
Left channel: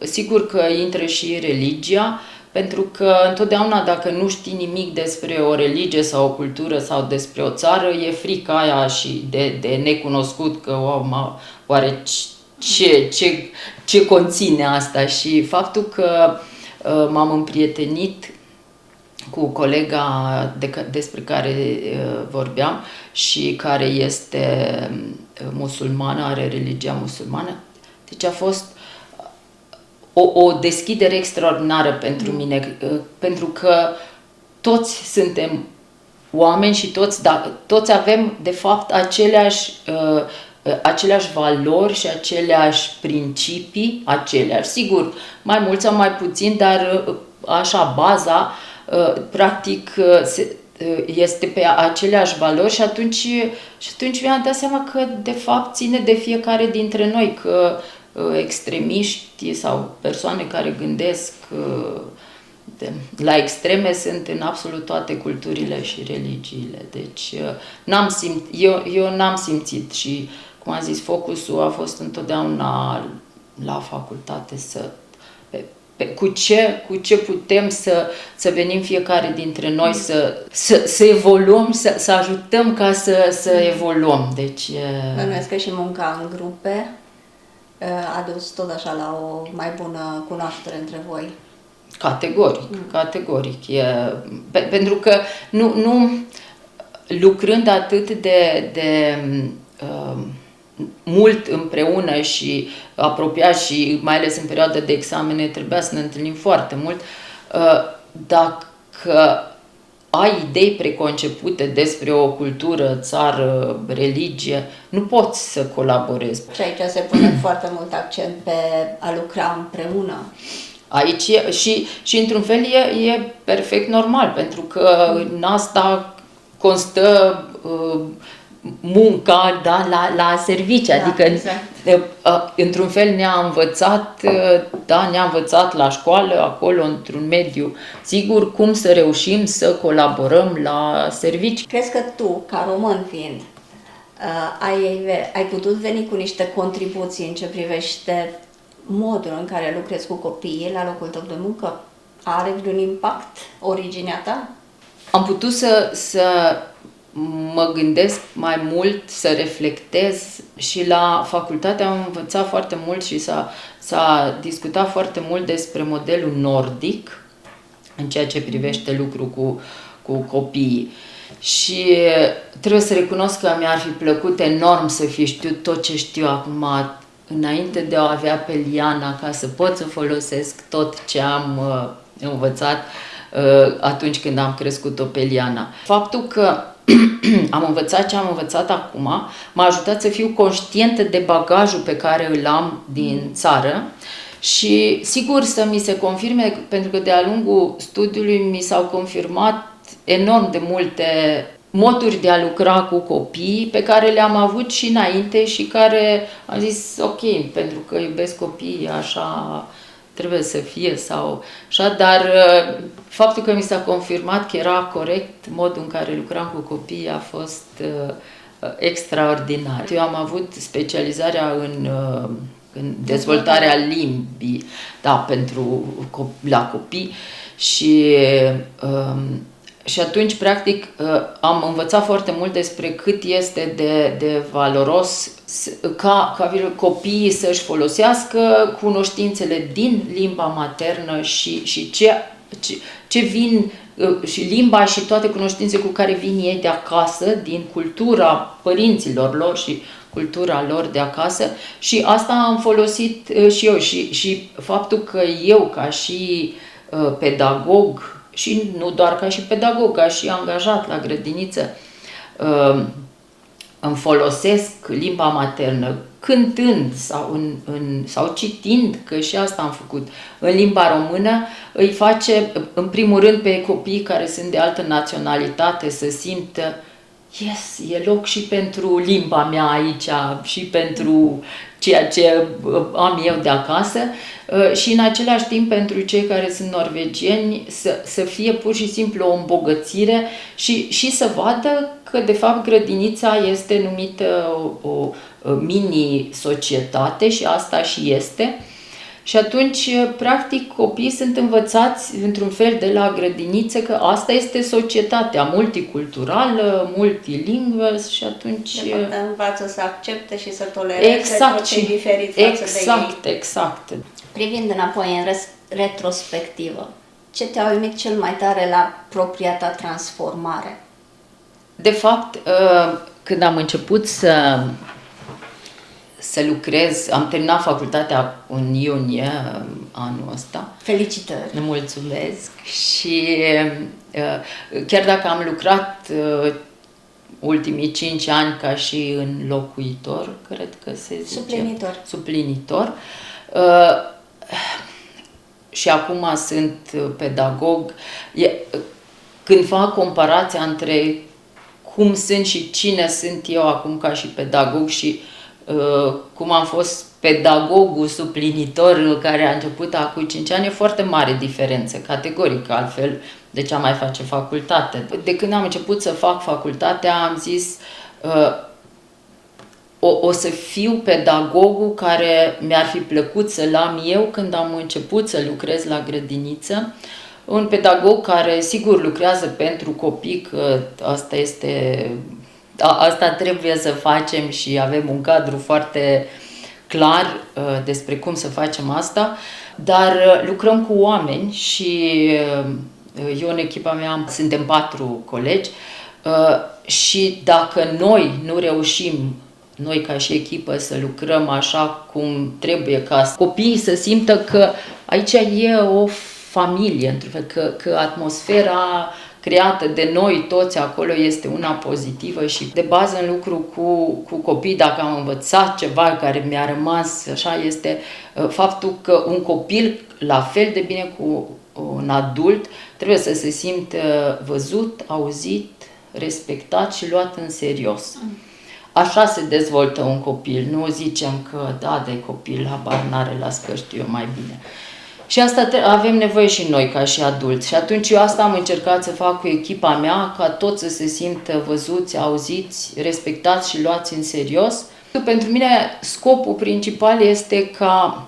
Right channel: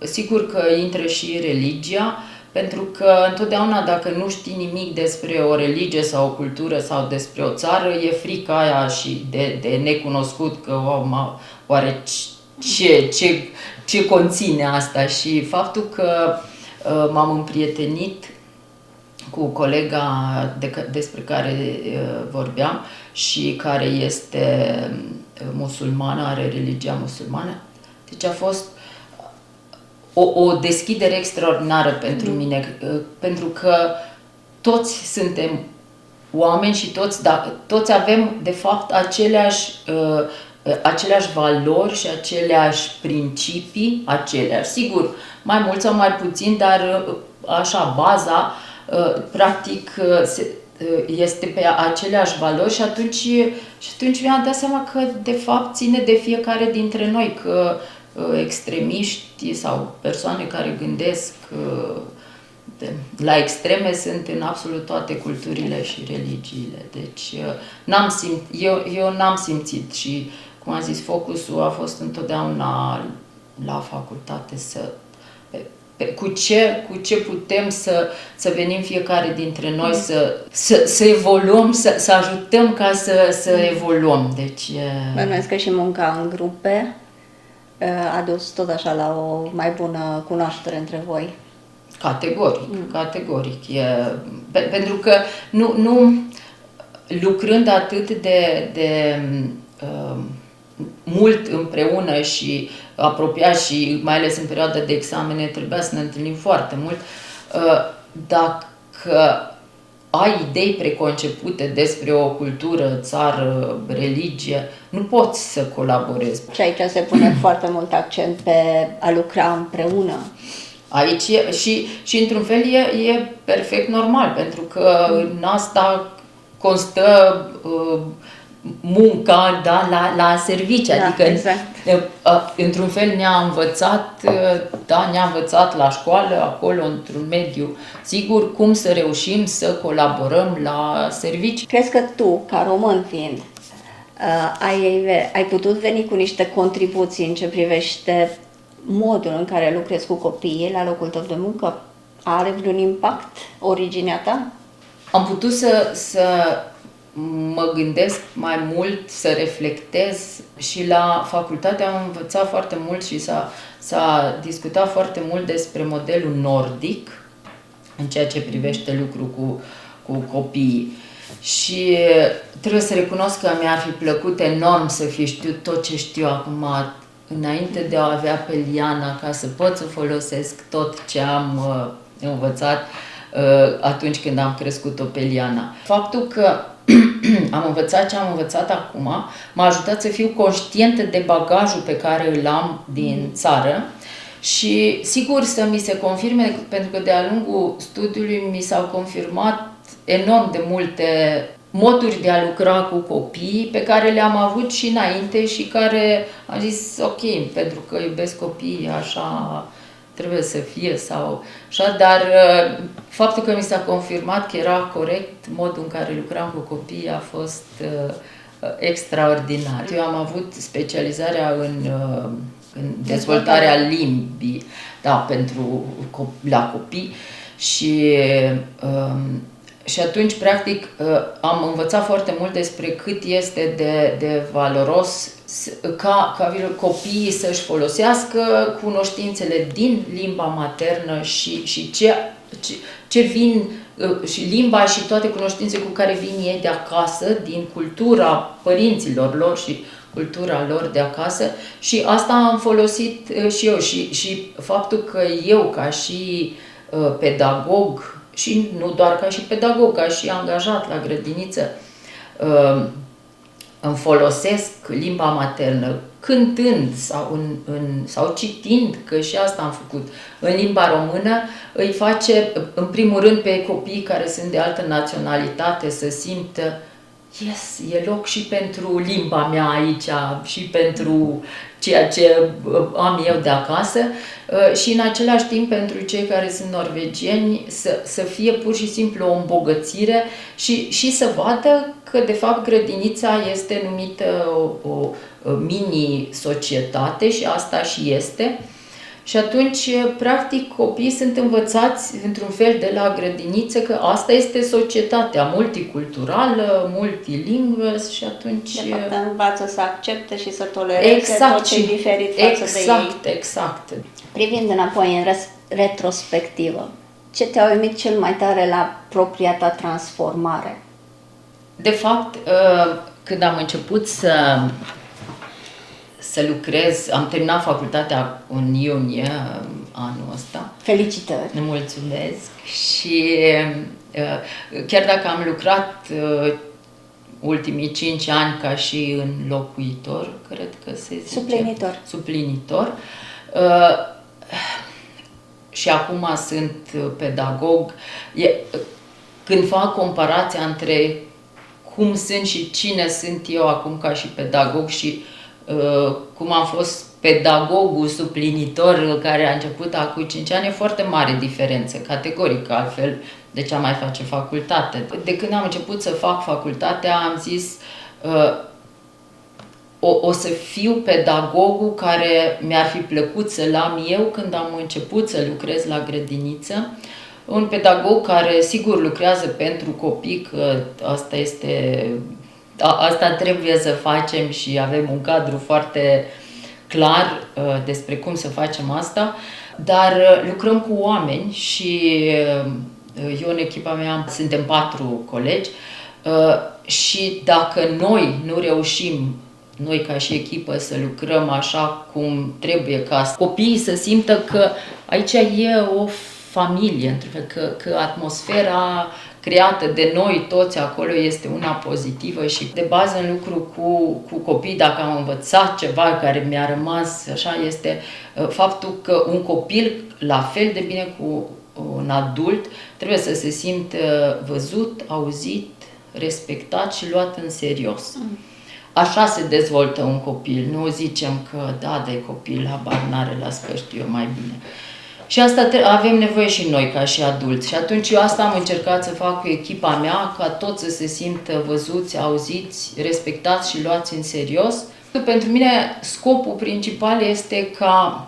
sigur că intră și religia, pentru că întotdeauna dacă nu știi nimic despre o religie sau o cultură sau despre o țară, e frica aia și de necunoscut, că oare ce conține asta. Și faptul că m-am împrietenit cu colega despre care vorbeam și care este musulmană, are religia musulmană. Deci a fost o deschidere extraordinară pentru mine, pentru că toți suntem oameni și toți avem de fapt aceleași valori și aceleași principii, sigur, mai mult sau mai puțin, dar așa, baza practic este pe aceleași valori și atunci mi-am dat seama că de fapt ține de fiecare dintre noi, că extremiști sau persoane care gândesc la extreme sunt în absolut toate culturile și religiile. Deci eu n-am simțit și, cum am zis, focusul a fost întotdeauna la facultate, cu ce putem să venim fiecare dintre noi, să evoluăm, să ajutăm ca să evoluăm. Deci, Bănuiesc că și munca în grupe a dus tot așa la o mai bună cunoaștere între voi. Categoric. Pentru că nu lucrând atât de mult împreună și apropiat și mai ales în perioada de examene trebuia să ne întâlnim foarte mult, dacă ai idei preconcepute despre o cultură, țară, religie, nu poți să colaborezi. Și aici se pune foarte mult accent pe a lucra împreună. Aici și într-un fel e perfect normal, pentru că în asta constă munca, da, la servicii, Da, adică exact. într-un fel ne-a învățat la școală, acolo, într-un mediu sigur, cum să reușim să colaborăm la servicii. Crezi că tu, ca român fiind, ai putut veni cu niște contribuții în ce privește modul în care lucrezi cu copiii la locul tău de muncă? Are vreun impact originea ta? Am putut să mă gândesc mai mult, să reflectez și la facultate am învățat foarte mult și s-a discutat foarte mult despre modelul nordic în ceea ce privește lucru cu copiii. Și trebuie să recunosc că mi-ar fi plăcut enorm să fi știut tot ce știu acum, înainte de a avea pe Liana, ca să pot să folosesc tot ce am învățat atunci când am crescut-o pe Liana. Faptul că am învățat ce am învățat acum m-a ajutat să fiu conștientă de bagajul pe care îl am din țară și sigur să mi se confirme, pentru că de-a lungul studiului mi s-au confirmat enorm de multe moduri de a lucra cu copii pe care le-am avut și înainte și care am zis ok, pentru că iubesc copiii, așa trebuie să fie sau așa, dar faptul că mi s-a confirmat că era corect modul în care lucram cu copiii a fost extraordinar. Eu am avut specializarea în dezvoltarea limbii, da, la copii și atunci, practic, am învățat foarte mult despre cât este de valoros ca copiii să-și folosească cunoștințele din limba maternă și ce vin, și limba și toate cunoștințele cu care vin ei de acasă, din cultura părinților lor și cultura lor de acasă. Și asta am folosit și eu. Și faptul că eu, ca și pedagog, și nu doar ca și pedagog, ca și angajat la grădiniță, îmi folosesc limba maternă cântând sau citind, că și asta am făcut, în limba română, îi face, în primul rând, pe copii care sunt de altă naționalitate să simtă yes, e loc și pentru limba mea aici și pentru ceea ce am eu de acasă și în același timp pentru cei care sunt norvegieni să fie pur și simplu o îmbogățire și să vadă că de fapt grădinița este numită o mini-societate și asta și este. Și atunci, practic, copiii sunt învățați într-un fel de la grădiniță că asta este societatea multiculturală, multilingvă și atunci... De fapt, învață să accepte și să tolereze tot ce e diferit față de ei. Exact. Privind înapoi în retrospectivă, ce te-a uimit cel mai tare la propria ta transformare? De fapt, când am început să lucrez, am terminat facultatea în iunie anul ăsta. Felicitări! Mulțumesc! Și chiar dacă am lucrat ultimii 5 ani ca și înlocuitor, cred că se zice. Suplinitor. Și acum sunt pedagog. Când fac comparația între cum sunt și cine sunt eu acum ca și pedagog și cum am fost pedagogul suplinitor care a început acum 5 ani, e foarte mare diferență, categoric, altfel de ce am mai face facultate. De când am început să fac facultatea, am zis o să fiu pedagogul care mi-ar fi plăcut să-l am eu când am început să lucrez la grădiniță. Un pedagog care sigur lucrează pentru copii, că asta trebuie să facem și avem un cadru foarte clar despre cum să facem asta, dar lucrăm cu oameni și eu în echipa mea suntem 4 colegi și dacă noi nu reușim, noi ca și echipă, să lucrăm așa cum trebuie, ca copiii să simtă că aici e o familie, că atmosfera creată de noi toți acolo este una pozitivă și de bază în lucru cu copii, dacă am învățat ceva care mi-a rămas așa, este faptul că un copil, la fel de bine cu un adult, trebuie să se simtă văzut, auzit, respectat și luat în serios. Așa se dezvoltă un copil, nu zicem că da, de copil, habar n-are, las că știu eu mai bine. Și asta avem nevoie și noi ca și adulți. Și atunci eu asta am încercat să fac cu echipa mea, ca toți să se simtă văzuți, auziți, respectați și luați în serios. Pentru mine scopul principal este ca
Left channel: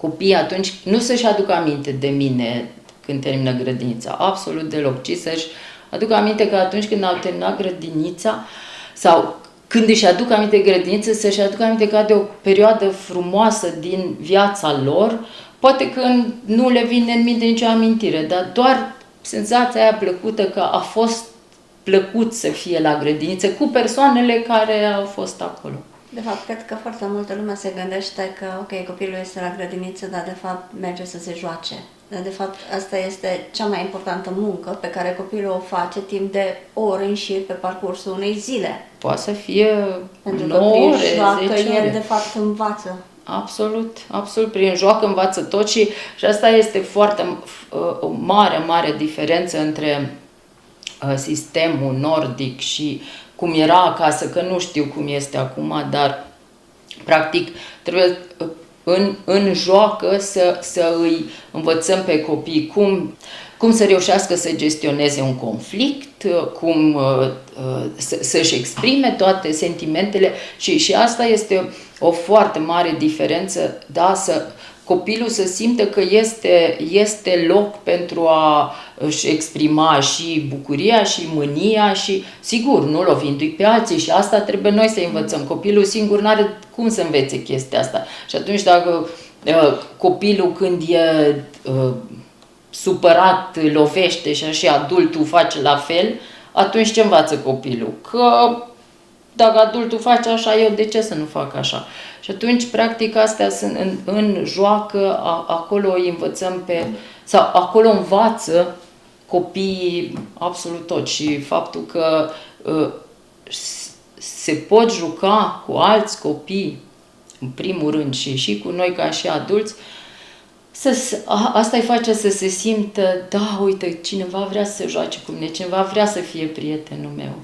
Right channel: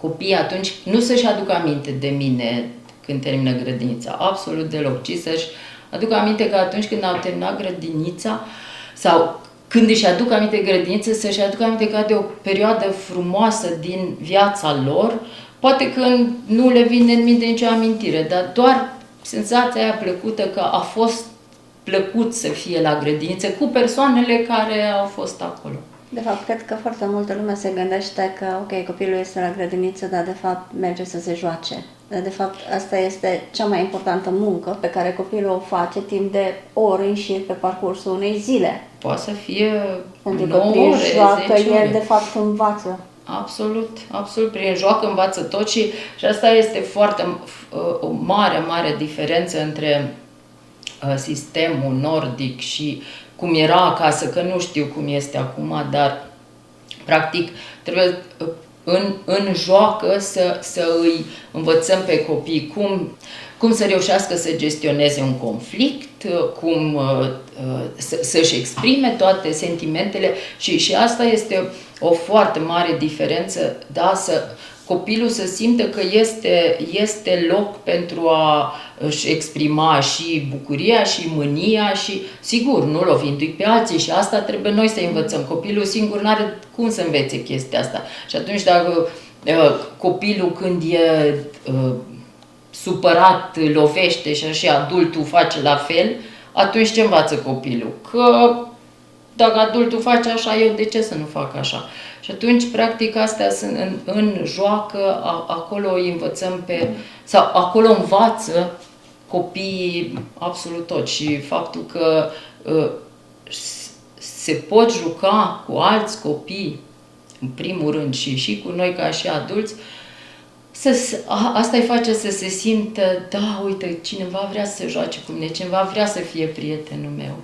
copiii atunci nu să-și aducă aminte de mine când termină grădinița, absolut deloc, ci să-și aducă aminte că atunci când au terminat grădinița sau când își aduc aminte de grădiniță, să-și aducă aminte ca de o perioadă frumoasă din viața lor. Poate că nu le vine în minte nicio amintire, dar doar senzația aia plăcută că a fost plăcut să fie la grădiniță cu persoanele care au fost acolo. De fapt, cred că foarte multă lume se gândește că, ok, copilul este la grădiniță, dar de fapt merge să se joace. Dar de fapt, asta este cea mai importantă muncă pe care copilul o face timp de ore în șir pe parcursul unei zile. Poate să fie 9 ore, 10 ore. El de fapt învață. Absolut, absolut. Prin joacă învață tot și asta este foarte o mare diferență între sistemul nordic și cum era acasă, că nu știu cum este acum, dar practic trebuie în joacă să îi învățăm pe copii cum să reușească să gestioneze un conflict, cum să-și exprime toate sentimentele și asta este o foarte mare diferență, da, copilul să simtă că este loc pentru a își exprima și bucuria și mânia și, sigur, nu lovindu-i pe alții și asta trebuie noi să învățăm. Copilul singur nu are cum să învețe chestia asta. Și atunci dacă copilul când e supărat lovește și adultul face la fel, atunci ce învață copilul? Că dacă adultul face așa, eu de ce să nu fac așa? Și atunci, practic, astea sunt în joacă, acolo îi învățăm sau acolo învață copiii absolut tot. Și faptul că se pot juca cu alți copii, în primul rând, și cu noi ca și adulți, asta îi face să se simtă, da, uite, cineva vrea să se joace cu mine, cineva vrea să fie prietenul meu.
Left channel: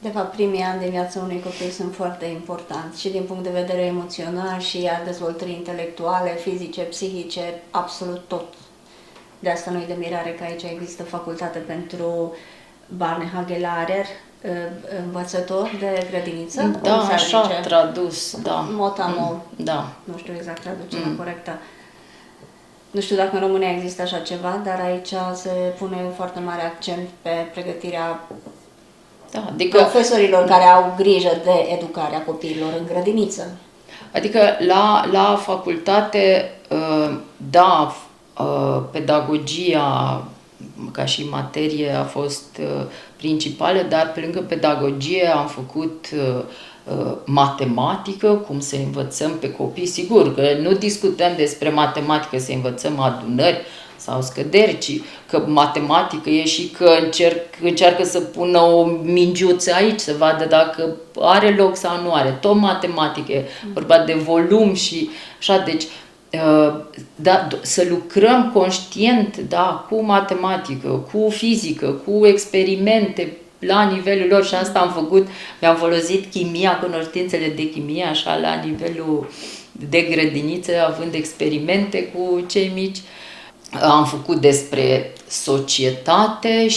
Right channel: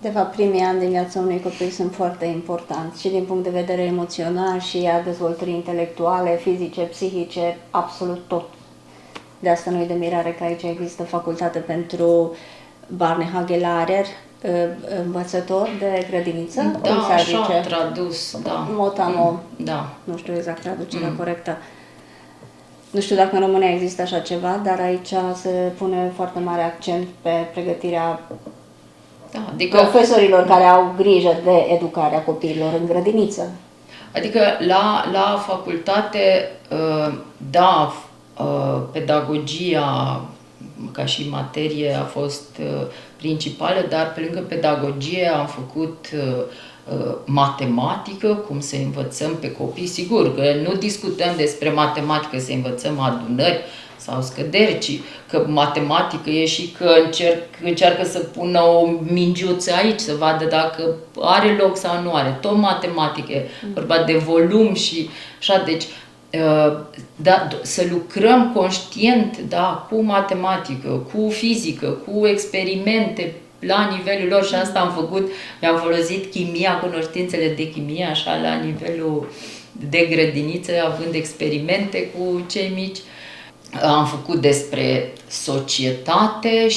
De fapt, primii ani de viața unui copil sunt foarte importanți și din punct de vedere emoțional și a dezvoltării intelectuale, fizice, psihice, absolut tot. De asta nu e de mirare că aici există facultate pentru Barnehagelarer, învățător de grădiniță. Da, așa, tradus, da. Motamo, da. Nu știu exact traducerea corectă. Nu știu dacă în România există așa ceva, dar aici se pune foarte mare accent pe pregătirea adică profesorilor care au grijă de educarea copiilor în grădiniță. Adică la facultate, da, pedagogia ca și materie a fost principală, dar pe lângă pedagogie am făcut matematică, cum să învățăm pe copii. Sigur că nu discutăm despre matematică, să învățăm adunări sau scăderi, ci că matematică e și că încearcă să pună o mingiuță aici, să vadă dacă are loc sau nu are. Tot matematică, vorba de volum și așa, deci da, să lucrăm conștient, da, cu matematică, cu fizică, cu experimente la nivelul lor și asta am făcut, mi-am folosit chimia, cunoștințele de chimie, așa, la nivelul de grădiniță, având experimente cu cei mici. Am făcut despre societate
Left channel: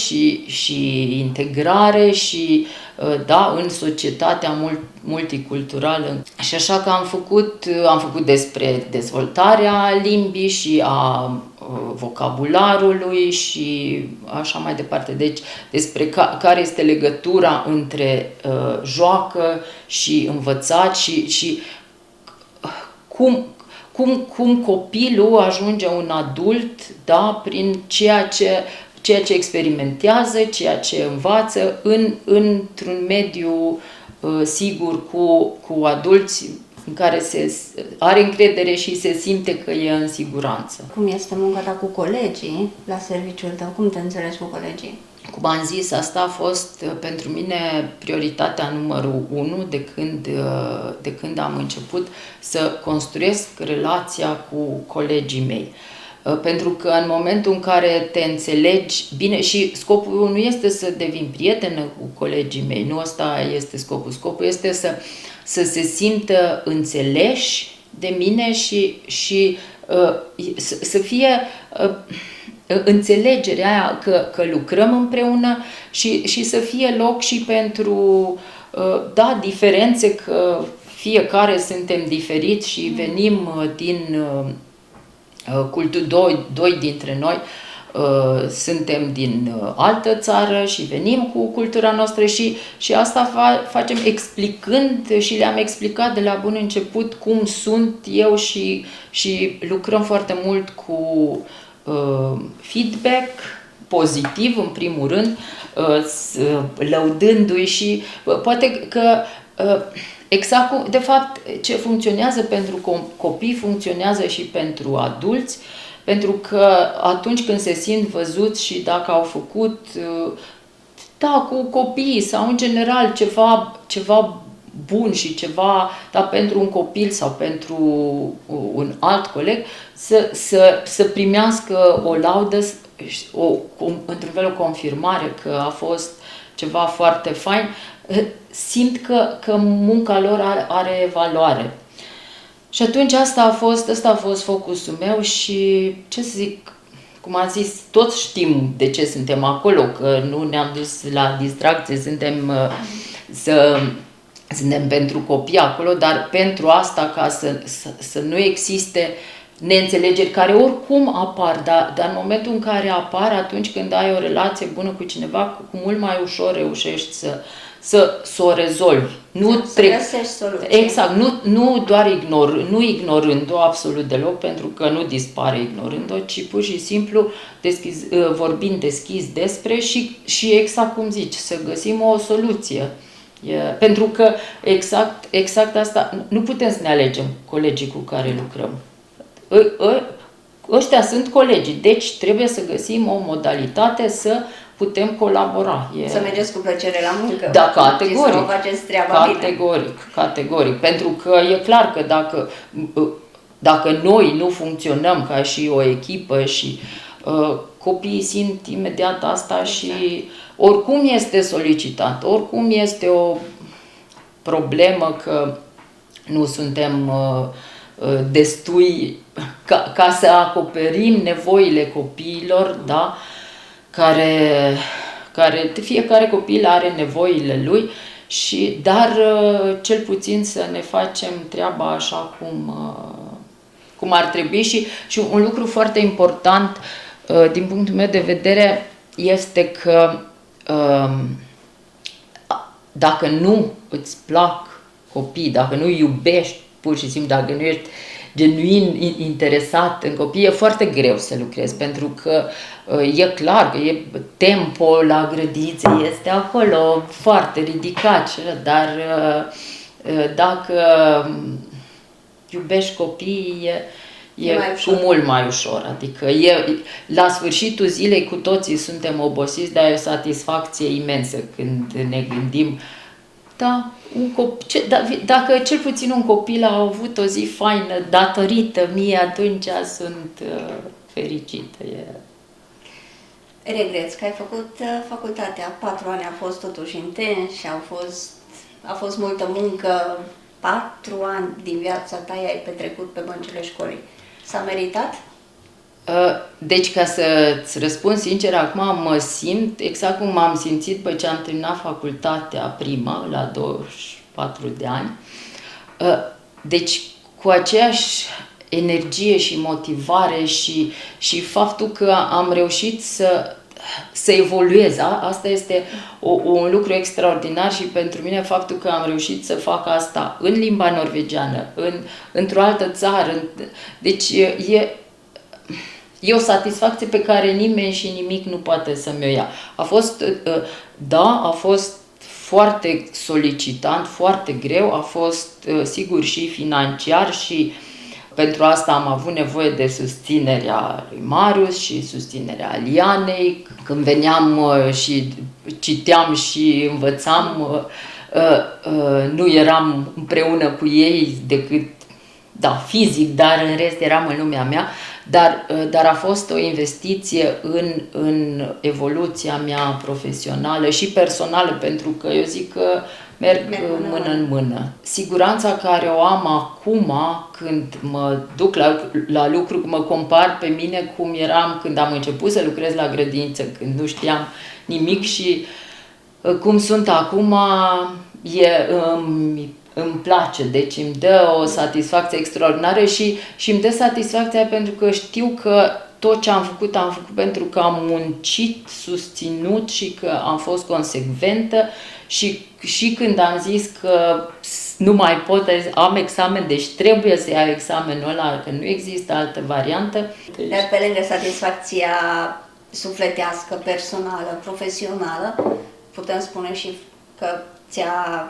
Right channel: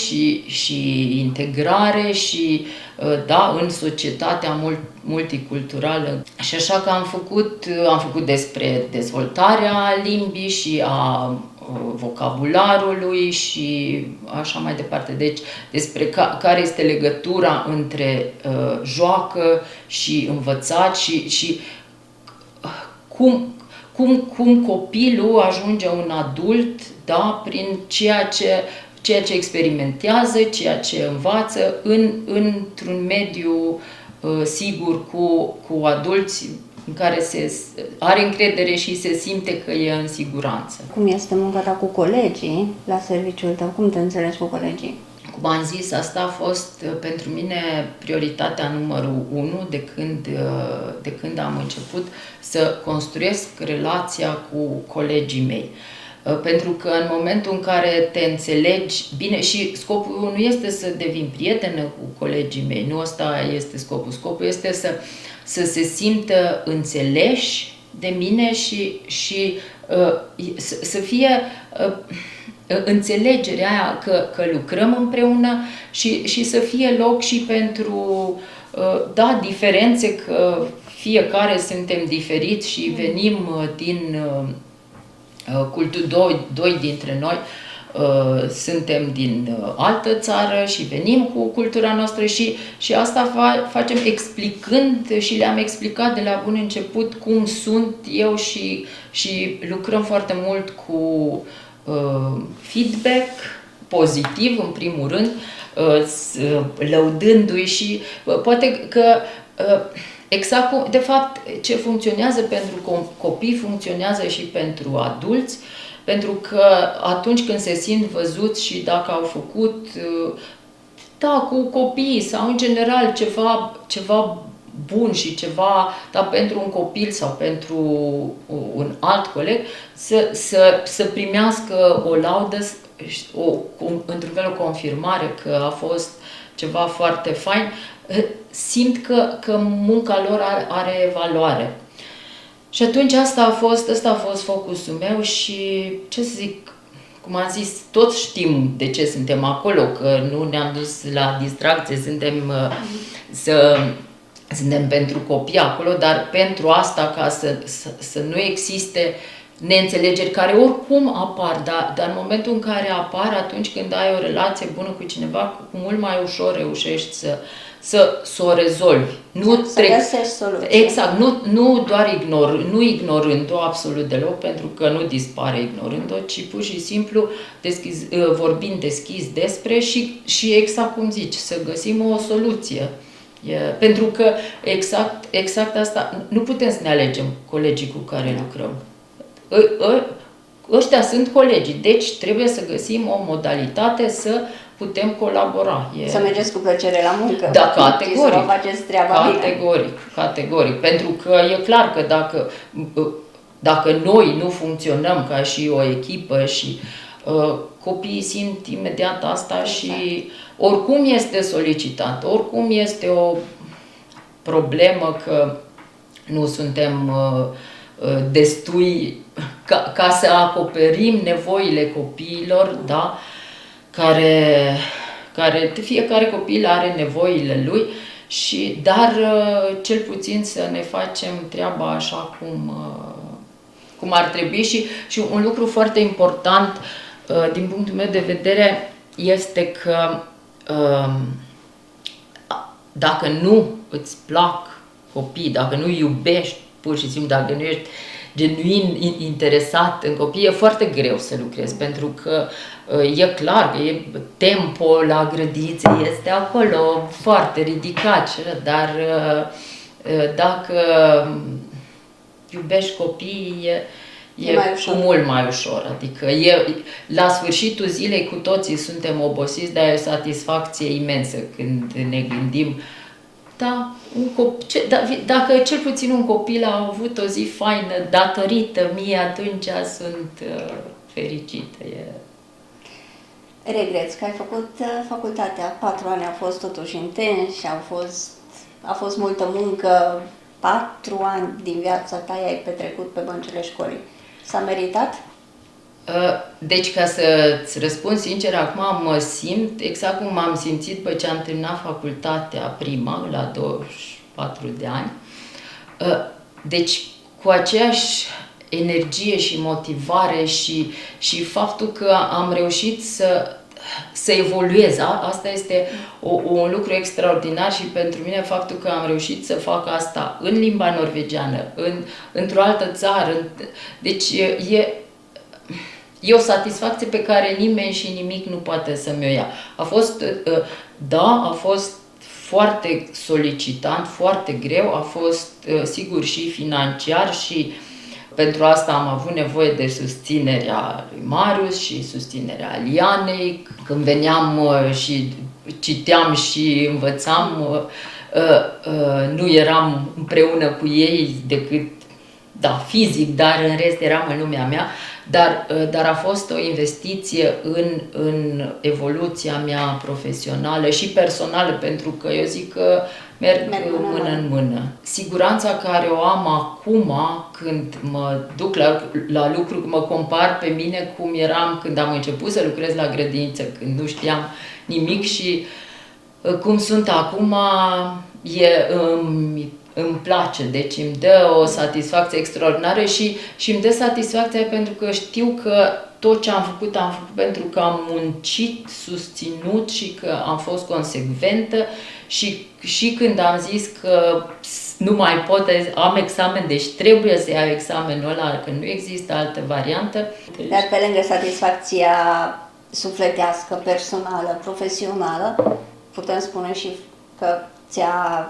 și integrare și, da, în societatea multiculturală. Și așa că am făcut despre dezvoltarea limbii și a vocabularului și așa mai departe. Deci despre care este legătura între joacă și învățat și cum copilul ajunge un adult, da, prin ceea ce experimentează, ceea ce învață într-un mediu sigur cu adulți în care are încredere și se simte că e în siguranță. Cum este munca ta cu colegii la serviciul tău? Cum te înțelegi cu colegii? Cum am zis, asta a fost pentru mine prioritatea numărul 1 de când am început să construiesc relația cu colegii mei. Pentru că în momentul în care te înțelegi bine, și scopul nu este să devin prietenă cu colegii mei, nu ăsta este scopul. Scopul este să se simtă înțeleși de mine și să fie înțelegerea aia că lucrăm împreună și să fie loc și pentru, da, diferențe, că fiecare suntem diferiți și venim din doi dintre noi suntem din altă țară și venim cu cultura noastră și asta facem explicând, și le-am explicat de la bun început cum sunt eu și lucrăm foarte mult cu feedback pozitiv în primul rând, lăudându-i și poate că exact cum, de fapt, ce funcționează pentru copii funcționează și pentru adulți, pentru că atunci când se simt văzuți și dacă au făcut, da, cu copiii sau în general ceva bun și ceva, da, pentru un copil sau pentru un alt coleg, să primească o laudă, într-un fel o confirmare că a fost ceva foarte fain, simt că munca lor are valoare. Și atunci ăsta a fost focusul meu și, ce să zic, cum am zis, toți știm de ce suntem acolo, că nu ne-am dus la distracție, suntem pentru copii acolo, dar pentru asta, ca să nu existe neînțelegeri care oricum apar, dar în momentul în care apar, atunci când ai o relație bună cu cineva, cu mult mai ușor reușești să o rezolvi. Să găsești soluții. Exact, nu doar ignorând-o absolut deloc, pentru că nu dispare ignorând-o, ci pur și simplu vorbind deschis despre și exact cum zici, să găsim o soluție. Pentru că exact asta, nu putem să ne alegem colegii cu care lucrăm. Ăștia sunt colegii, deci trebuie să găsim o modalitate să putem colabora. Să mergeți cu plăcere la muncă. Da, categoric. Să faceți treaba Categoric. Pentru că e clar că dacă noi nu funcționăm ca și o echipă și copiii simt imediat asta, exact. Și oricum este solicitat, oricum este o problemă că nu suntem destui ca să acoperim nevoile copiilor, da? Care fiecare copil are nevoile lui, dar cel puțin să ne facem treaba așa cum ar trebui și un lucru foarte important din punctul meu de vedere este că dacă nu îți plac copii, dacă nu iubești pur și simplu, dacă nu ești genuin interesat în copii, e foarte greu să lucrezi, pentru că e clar că tempo la grădinițe este acolo foarte ridicat, dar dacă iubești copiii, e cu mult mai ușor. Adică la sfârșitul zilei cu toții suntem obosiți, dar e o satisfacție imensă când ne gândim, da, dacă cel puțin un copil a avut o zi faină datorită mie, atunci sunt fericită. Regreți că ai făcut facultatea, 4 ani au fost totuși intensi, a fost multă muncă, 4 ani din viața ta ai petrecut pe băncile școlii. S-a meritat? Deci, ca să-ți răspund sincer, acum mă simt exact cum m-am simțit după ce am terminat facultatea prima, la 24 de ani. Deci, cu aceeași energie și motivare și faptul că am reușit să evoluez. Asta este un lucru extraordinar și pentru mine faptul că am reușit să fac asta în limba norvegiană, într-o altă țară. Deci e o satisfacție pe care nimeni și nimic nu poate să mi-o ia. A fost foarte solicitant, foarte greu, a fost sigur și financiar și pentru asta am avut nevoie de susținerea lui Marius și susținerea Lianei. Când veneam și citeam și învățam, nu eram împreună cu ei decât, fizic, dar în rest eram în lumea mea. Dar a fost o investiție în evoluția mea profesională și personală, pentru că eu zic că merg mână în mână. Siguranța care o am acum, când mă duc la lucru, mă compar pe mine cum eram când am început să lucrez la grădiniță, când nu știam nimic și cum sunt acum, îmi place, deci îmi dă o satisfacție extraordinară și îmi dă satisfacția pentru că știu că tot ce am făcut pentru că am muncit, susținut și că am fost consecventă și când am zis că nu mai pot, am examen, deci trebuie să iau examenul ăla, că nu există altă variantă. Iar pe lângă satisfacția sufletească, personală, profesională, putem spune și că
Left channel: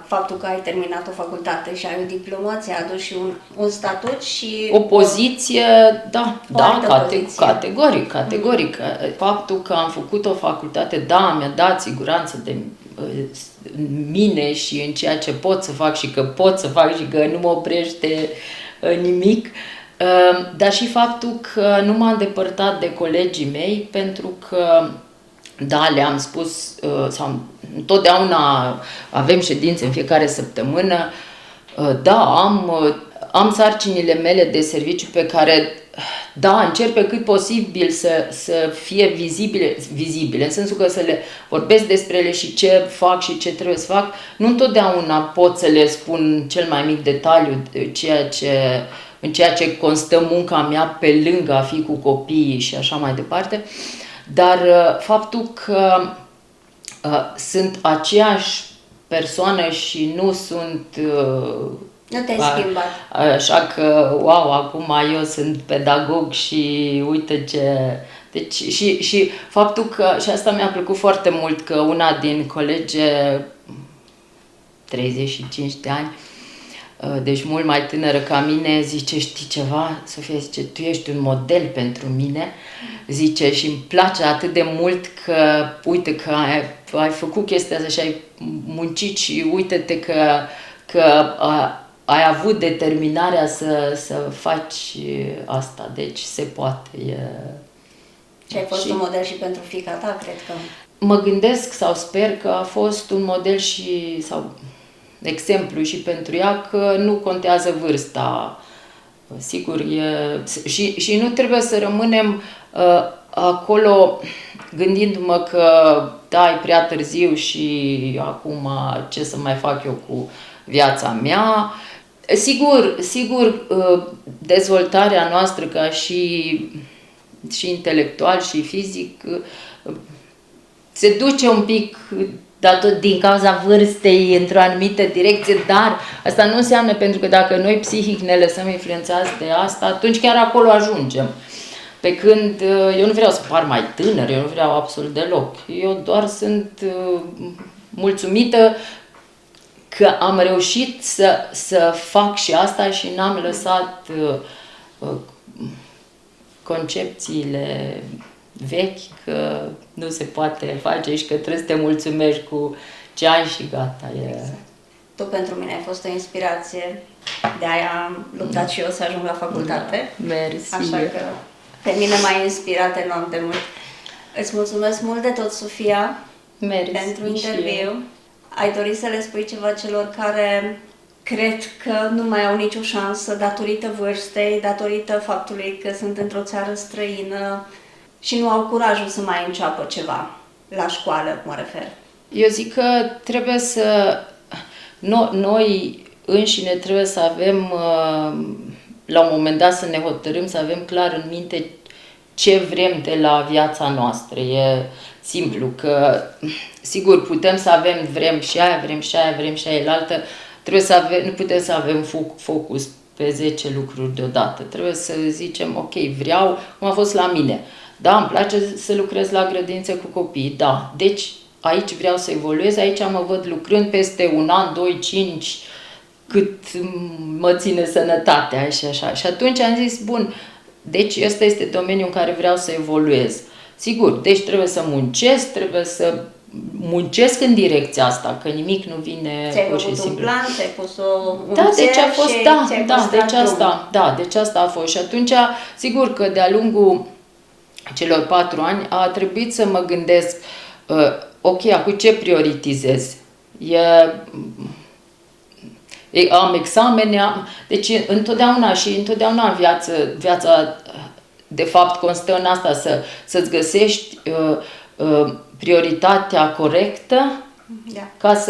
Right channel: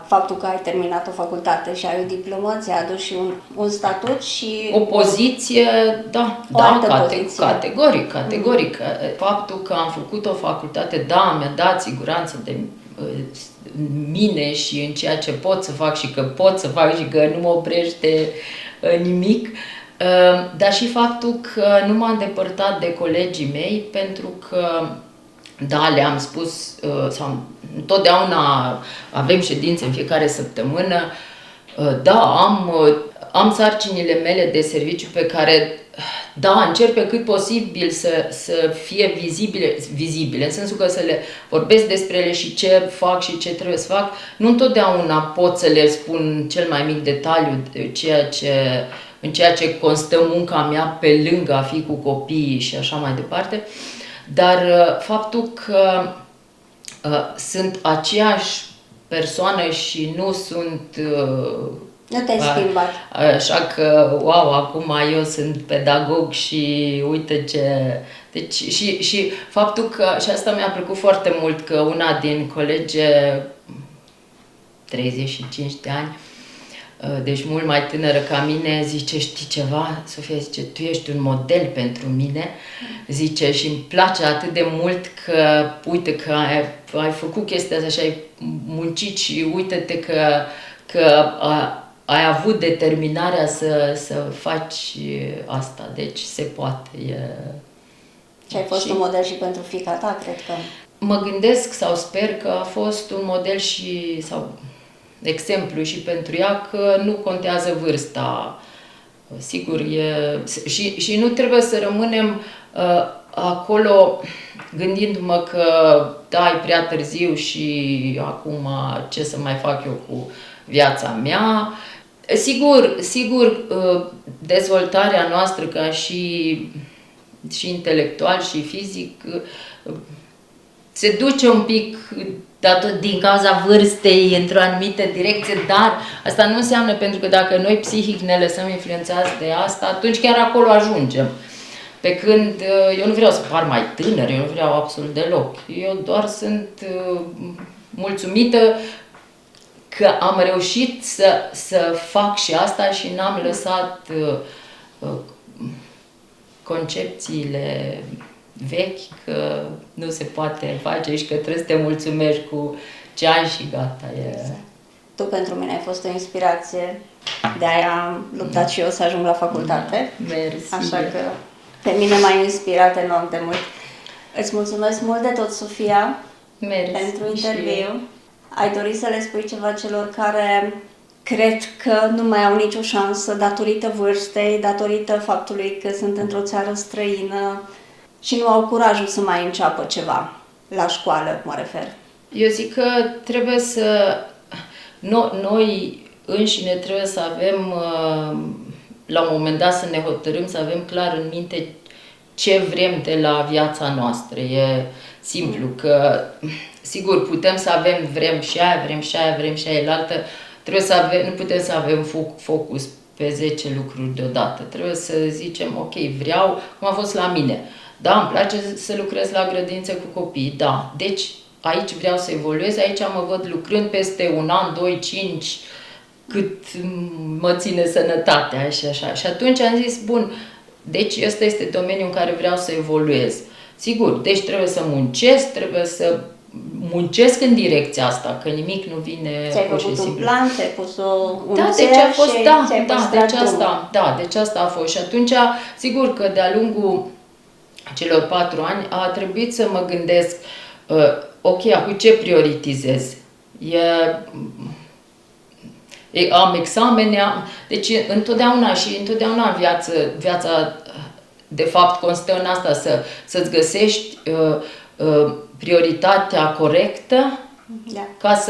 faptul că ai terminat o facultate și ai o diplomă ți-a adus și un statut și o poziție, categoric. Faptul că am făcut o facultate, mi-a dat siguranță de mine și în ceea ce pot să fac și că pot să fac și că nu mă oprește nimic, dar și faptul că nu m-am depărtat de colegii mei, pentru că le-am spus, sau întotdeauna avem ședințe în fiecare săptămână, am sarcinile mele de serviciu pe care, încerc pe cât posibil să fie vizibile, în sensul că să le vorbesc despre ele și ce fac și ce trebuie să fac. Nu întotdeauna pot să le spun cel mai mic detaliu în ceea ce constă munca mea pe lângă a fi cu copiii și așa mai departe, dar faptul că sunt aceeași persoană și nu sunt... Nu te-ai schimbat. Așa că, acum eu sunt pedagog și uite ce... Deci, și faptul că, și asta mi-a plăcut foarte mult, că una din colege, 35 de ani, deci mult mai tânără ca mine, zice, știi ceva, Sofia, zice, tu ești un model pentru mine, zice, și îmi place atât de mult că, uite, că ai făcut chestia asta și ai muncit și uite-te că ai avut determinarea să faci asta, deci se poate. Și ai fost un model și pentru fiica ta, cred că. Mă gândesc sau sper că a fost un model sau exemplu și pentru ea, că nu contează vârsta. Sigur, și nu trebuie să rămânem acolo gândindu-mă că e prea târziu și acum ce să mai fac eu cu viața mea. Sigur, dezvoltarea noastră ca și intelectual și fizic se duce un pic din cauza vârstei într-o anumită direcție, dar asta nu înseamnă, pentru că dacă noi psihic ne lăsăm influențați de asta, atunci chiar acolo ajungem. Pe când eu nu vreau să par mai tânăr, eu nu vreau absolut deloc. Eu doar sunt mulțumită că am reușit să fac și asta și n-am lăsat concepțiile vechi că nu se poate face și că trebuie să te mulțumești cu ce ai și gata. Exact. Tu pentru mine ai fost o inspirație, de-aia am luptat și eu să ajung la facultate. Mersi. Așa că pe mine m-ai inspirat enorm de mult. Îți mulțumesc mult de tot, Sofia, pentru interviu. Ai dorit să le spui ceva celor care cred că nu mai au nicio șansă datorită vârstei, datorită faptului că sunt într-o țară străină și nu au curajul să mai înceapă ceva, la școală mă refer? Eu zic că trebuie noi înșine trebuie să avem, la un moment dat să ne hotărâm, să avem clar în minte ce vrem de la viața noastră. simplu, că sigur putem să avem, vrem și aia, vrem și aia, vrem și aia, altă, trebuie să avem, nu putem să avem focus pe 10 lucruri deodată. Trebuie să zicem, ok, vreau, cum a fost la mine. Da, îmi place să lucrez la grădință cu copii, da. Deci aici vreau să evoluez, aici mă văd lucrând peste 1 an, 2, 5, cât mă ține sănătatea și așa. Și atunci am zis, bun, deci ăsta este domeniul în care vreau să evoluez. Sigur, deci trebuie să muncesc în direcția asta, că nimic nu vine ți-ai pur și făcut un simplu. plan, ți-ai pus un Da, deci a fost, deci asta a fost. Și atunci, sigur că de-a lungul celor 4 ani a trebuit să mă gândesc, ok, acum ce prioritizez? Am examene, deci întotdeauna viața de fapt constă în asta, să-ți găsești prioritatea corectă, ca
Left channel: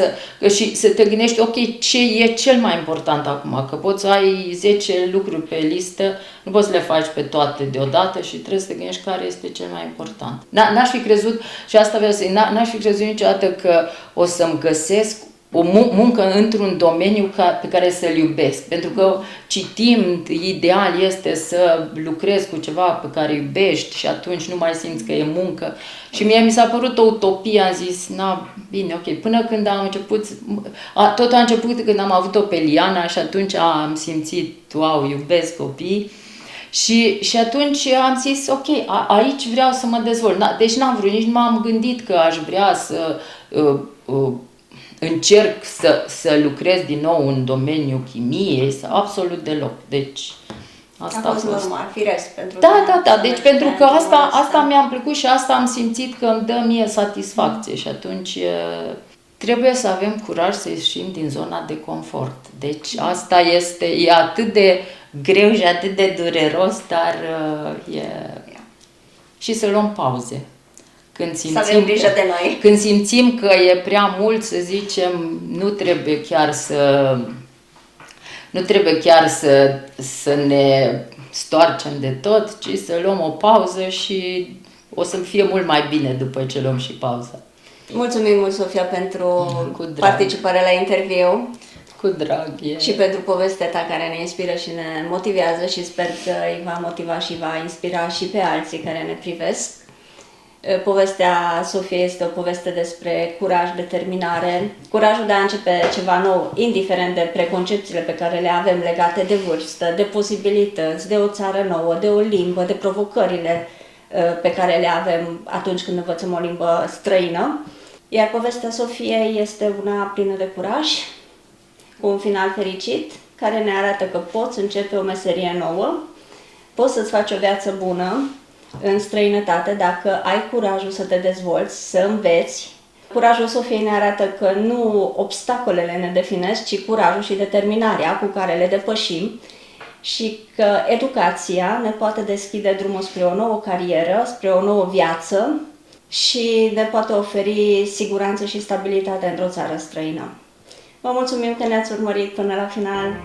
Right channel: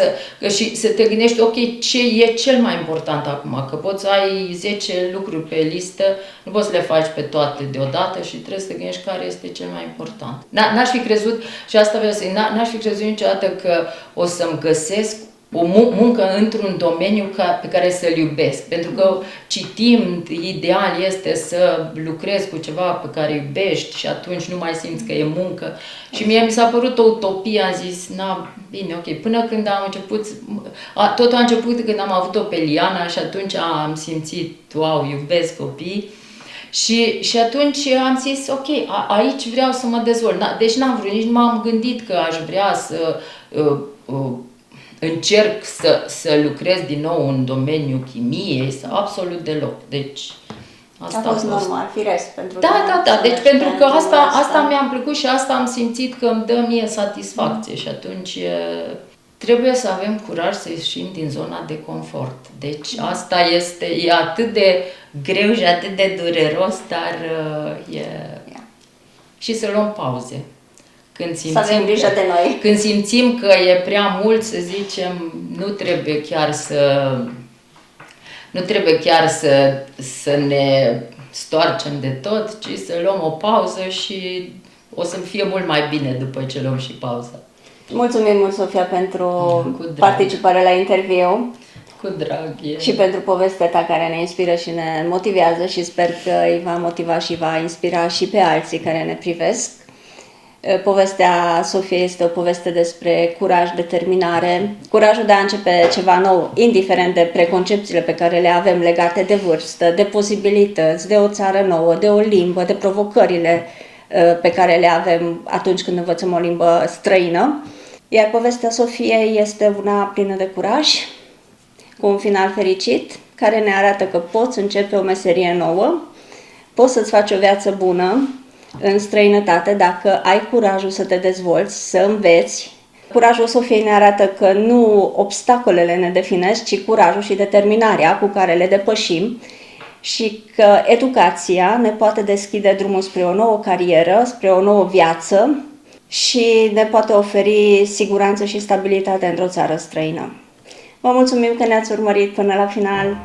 și să te gândești, ok, ce e cel mai important acum, că poți să ai 10 lucruri pe listă, nu poți să le faci pe toate deodată și trebuie să te gândești care este cel mai important. N-aș fi crezut, și asta vreau să zic, n-aș fi crezut niciodată că o să-mi găsesc o muncă într-un domeniu pe care să-l iubesc. Pentru că citind, ideal este să lucrezi cu ceva pe care iubești și atunci nu mai simți că e muncă. Și mie mi s-a părut o utopie, am zis, bine, ok, până când am început, totul a început când am avut-o pe Liana și atunci am simțit, wow, iubesc copii. Și atunci am zis, ok, aici vreau să mă dezvolt. Deci n-am vrut, nici nu m-am gândit că aș vrea să încerc să lucrez din nou în domeniul chimiei, absolut deloc. Deci asta a fost normal, firesc pentru Da, deci pentru că asta mi-a plăcut și asta am simțit că îmi dă mie satisfacție și atunci trebuie să avem curaj să ieșim din zona de confort. Deci asta e atât de greu și atât de dureros, dar și să luăm pauze. Să avem grijă de noi. Când simțim că e prea mult, să zicem, nu trebuie chiar să ne stoarcem de tot, ci să luăm o pauză și o să fie mult mai bine după ce luăm și pauza. Mulțumim mult, Sofia, pentru participarea la interviu. Cu drag. Și pentru povestea ta care ne inspiră și ne motivează și sper că îi va motiva și va inspira și pe alții care ne privesc. Povestea Sofiei este o poveste despre curaj, determinare, curajul de a începe ceva nou, indiferent de preconcepțiile pe care le avem legate de vârstă, de posibilități, de o țară nouă, de o limbă, de provocările pe care le avem atunci când învățăm o limbă străină. Iar povestea Sofiei este una plină de curaj, cu un final fericit, care ne arată că poți începe o meserie nouă, poți să-ți faci o viață bună în străinătate dacă ai curajul să te dezvolți, să înveți. Curajul Sofiei ne arată că nu obstacolele ne definesc, ci curajul și determinarea cu care le depășim și că educația ne poate deschide drumul spre o nouă carieră, spre o nouă viață și ne poate oferi siguranță și stabilitate într-o țară străină. Vă mulțumim că ne-ați urmărit până la final!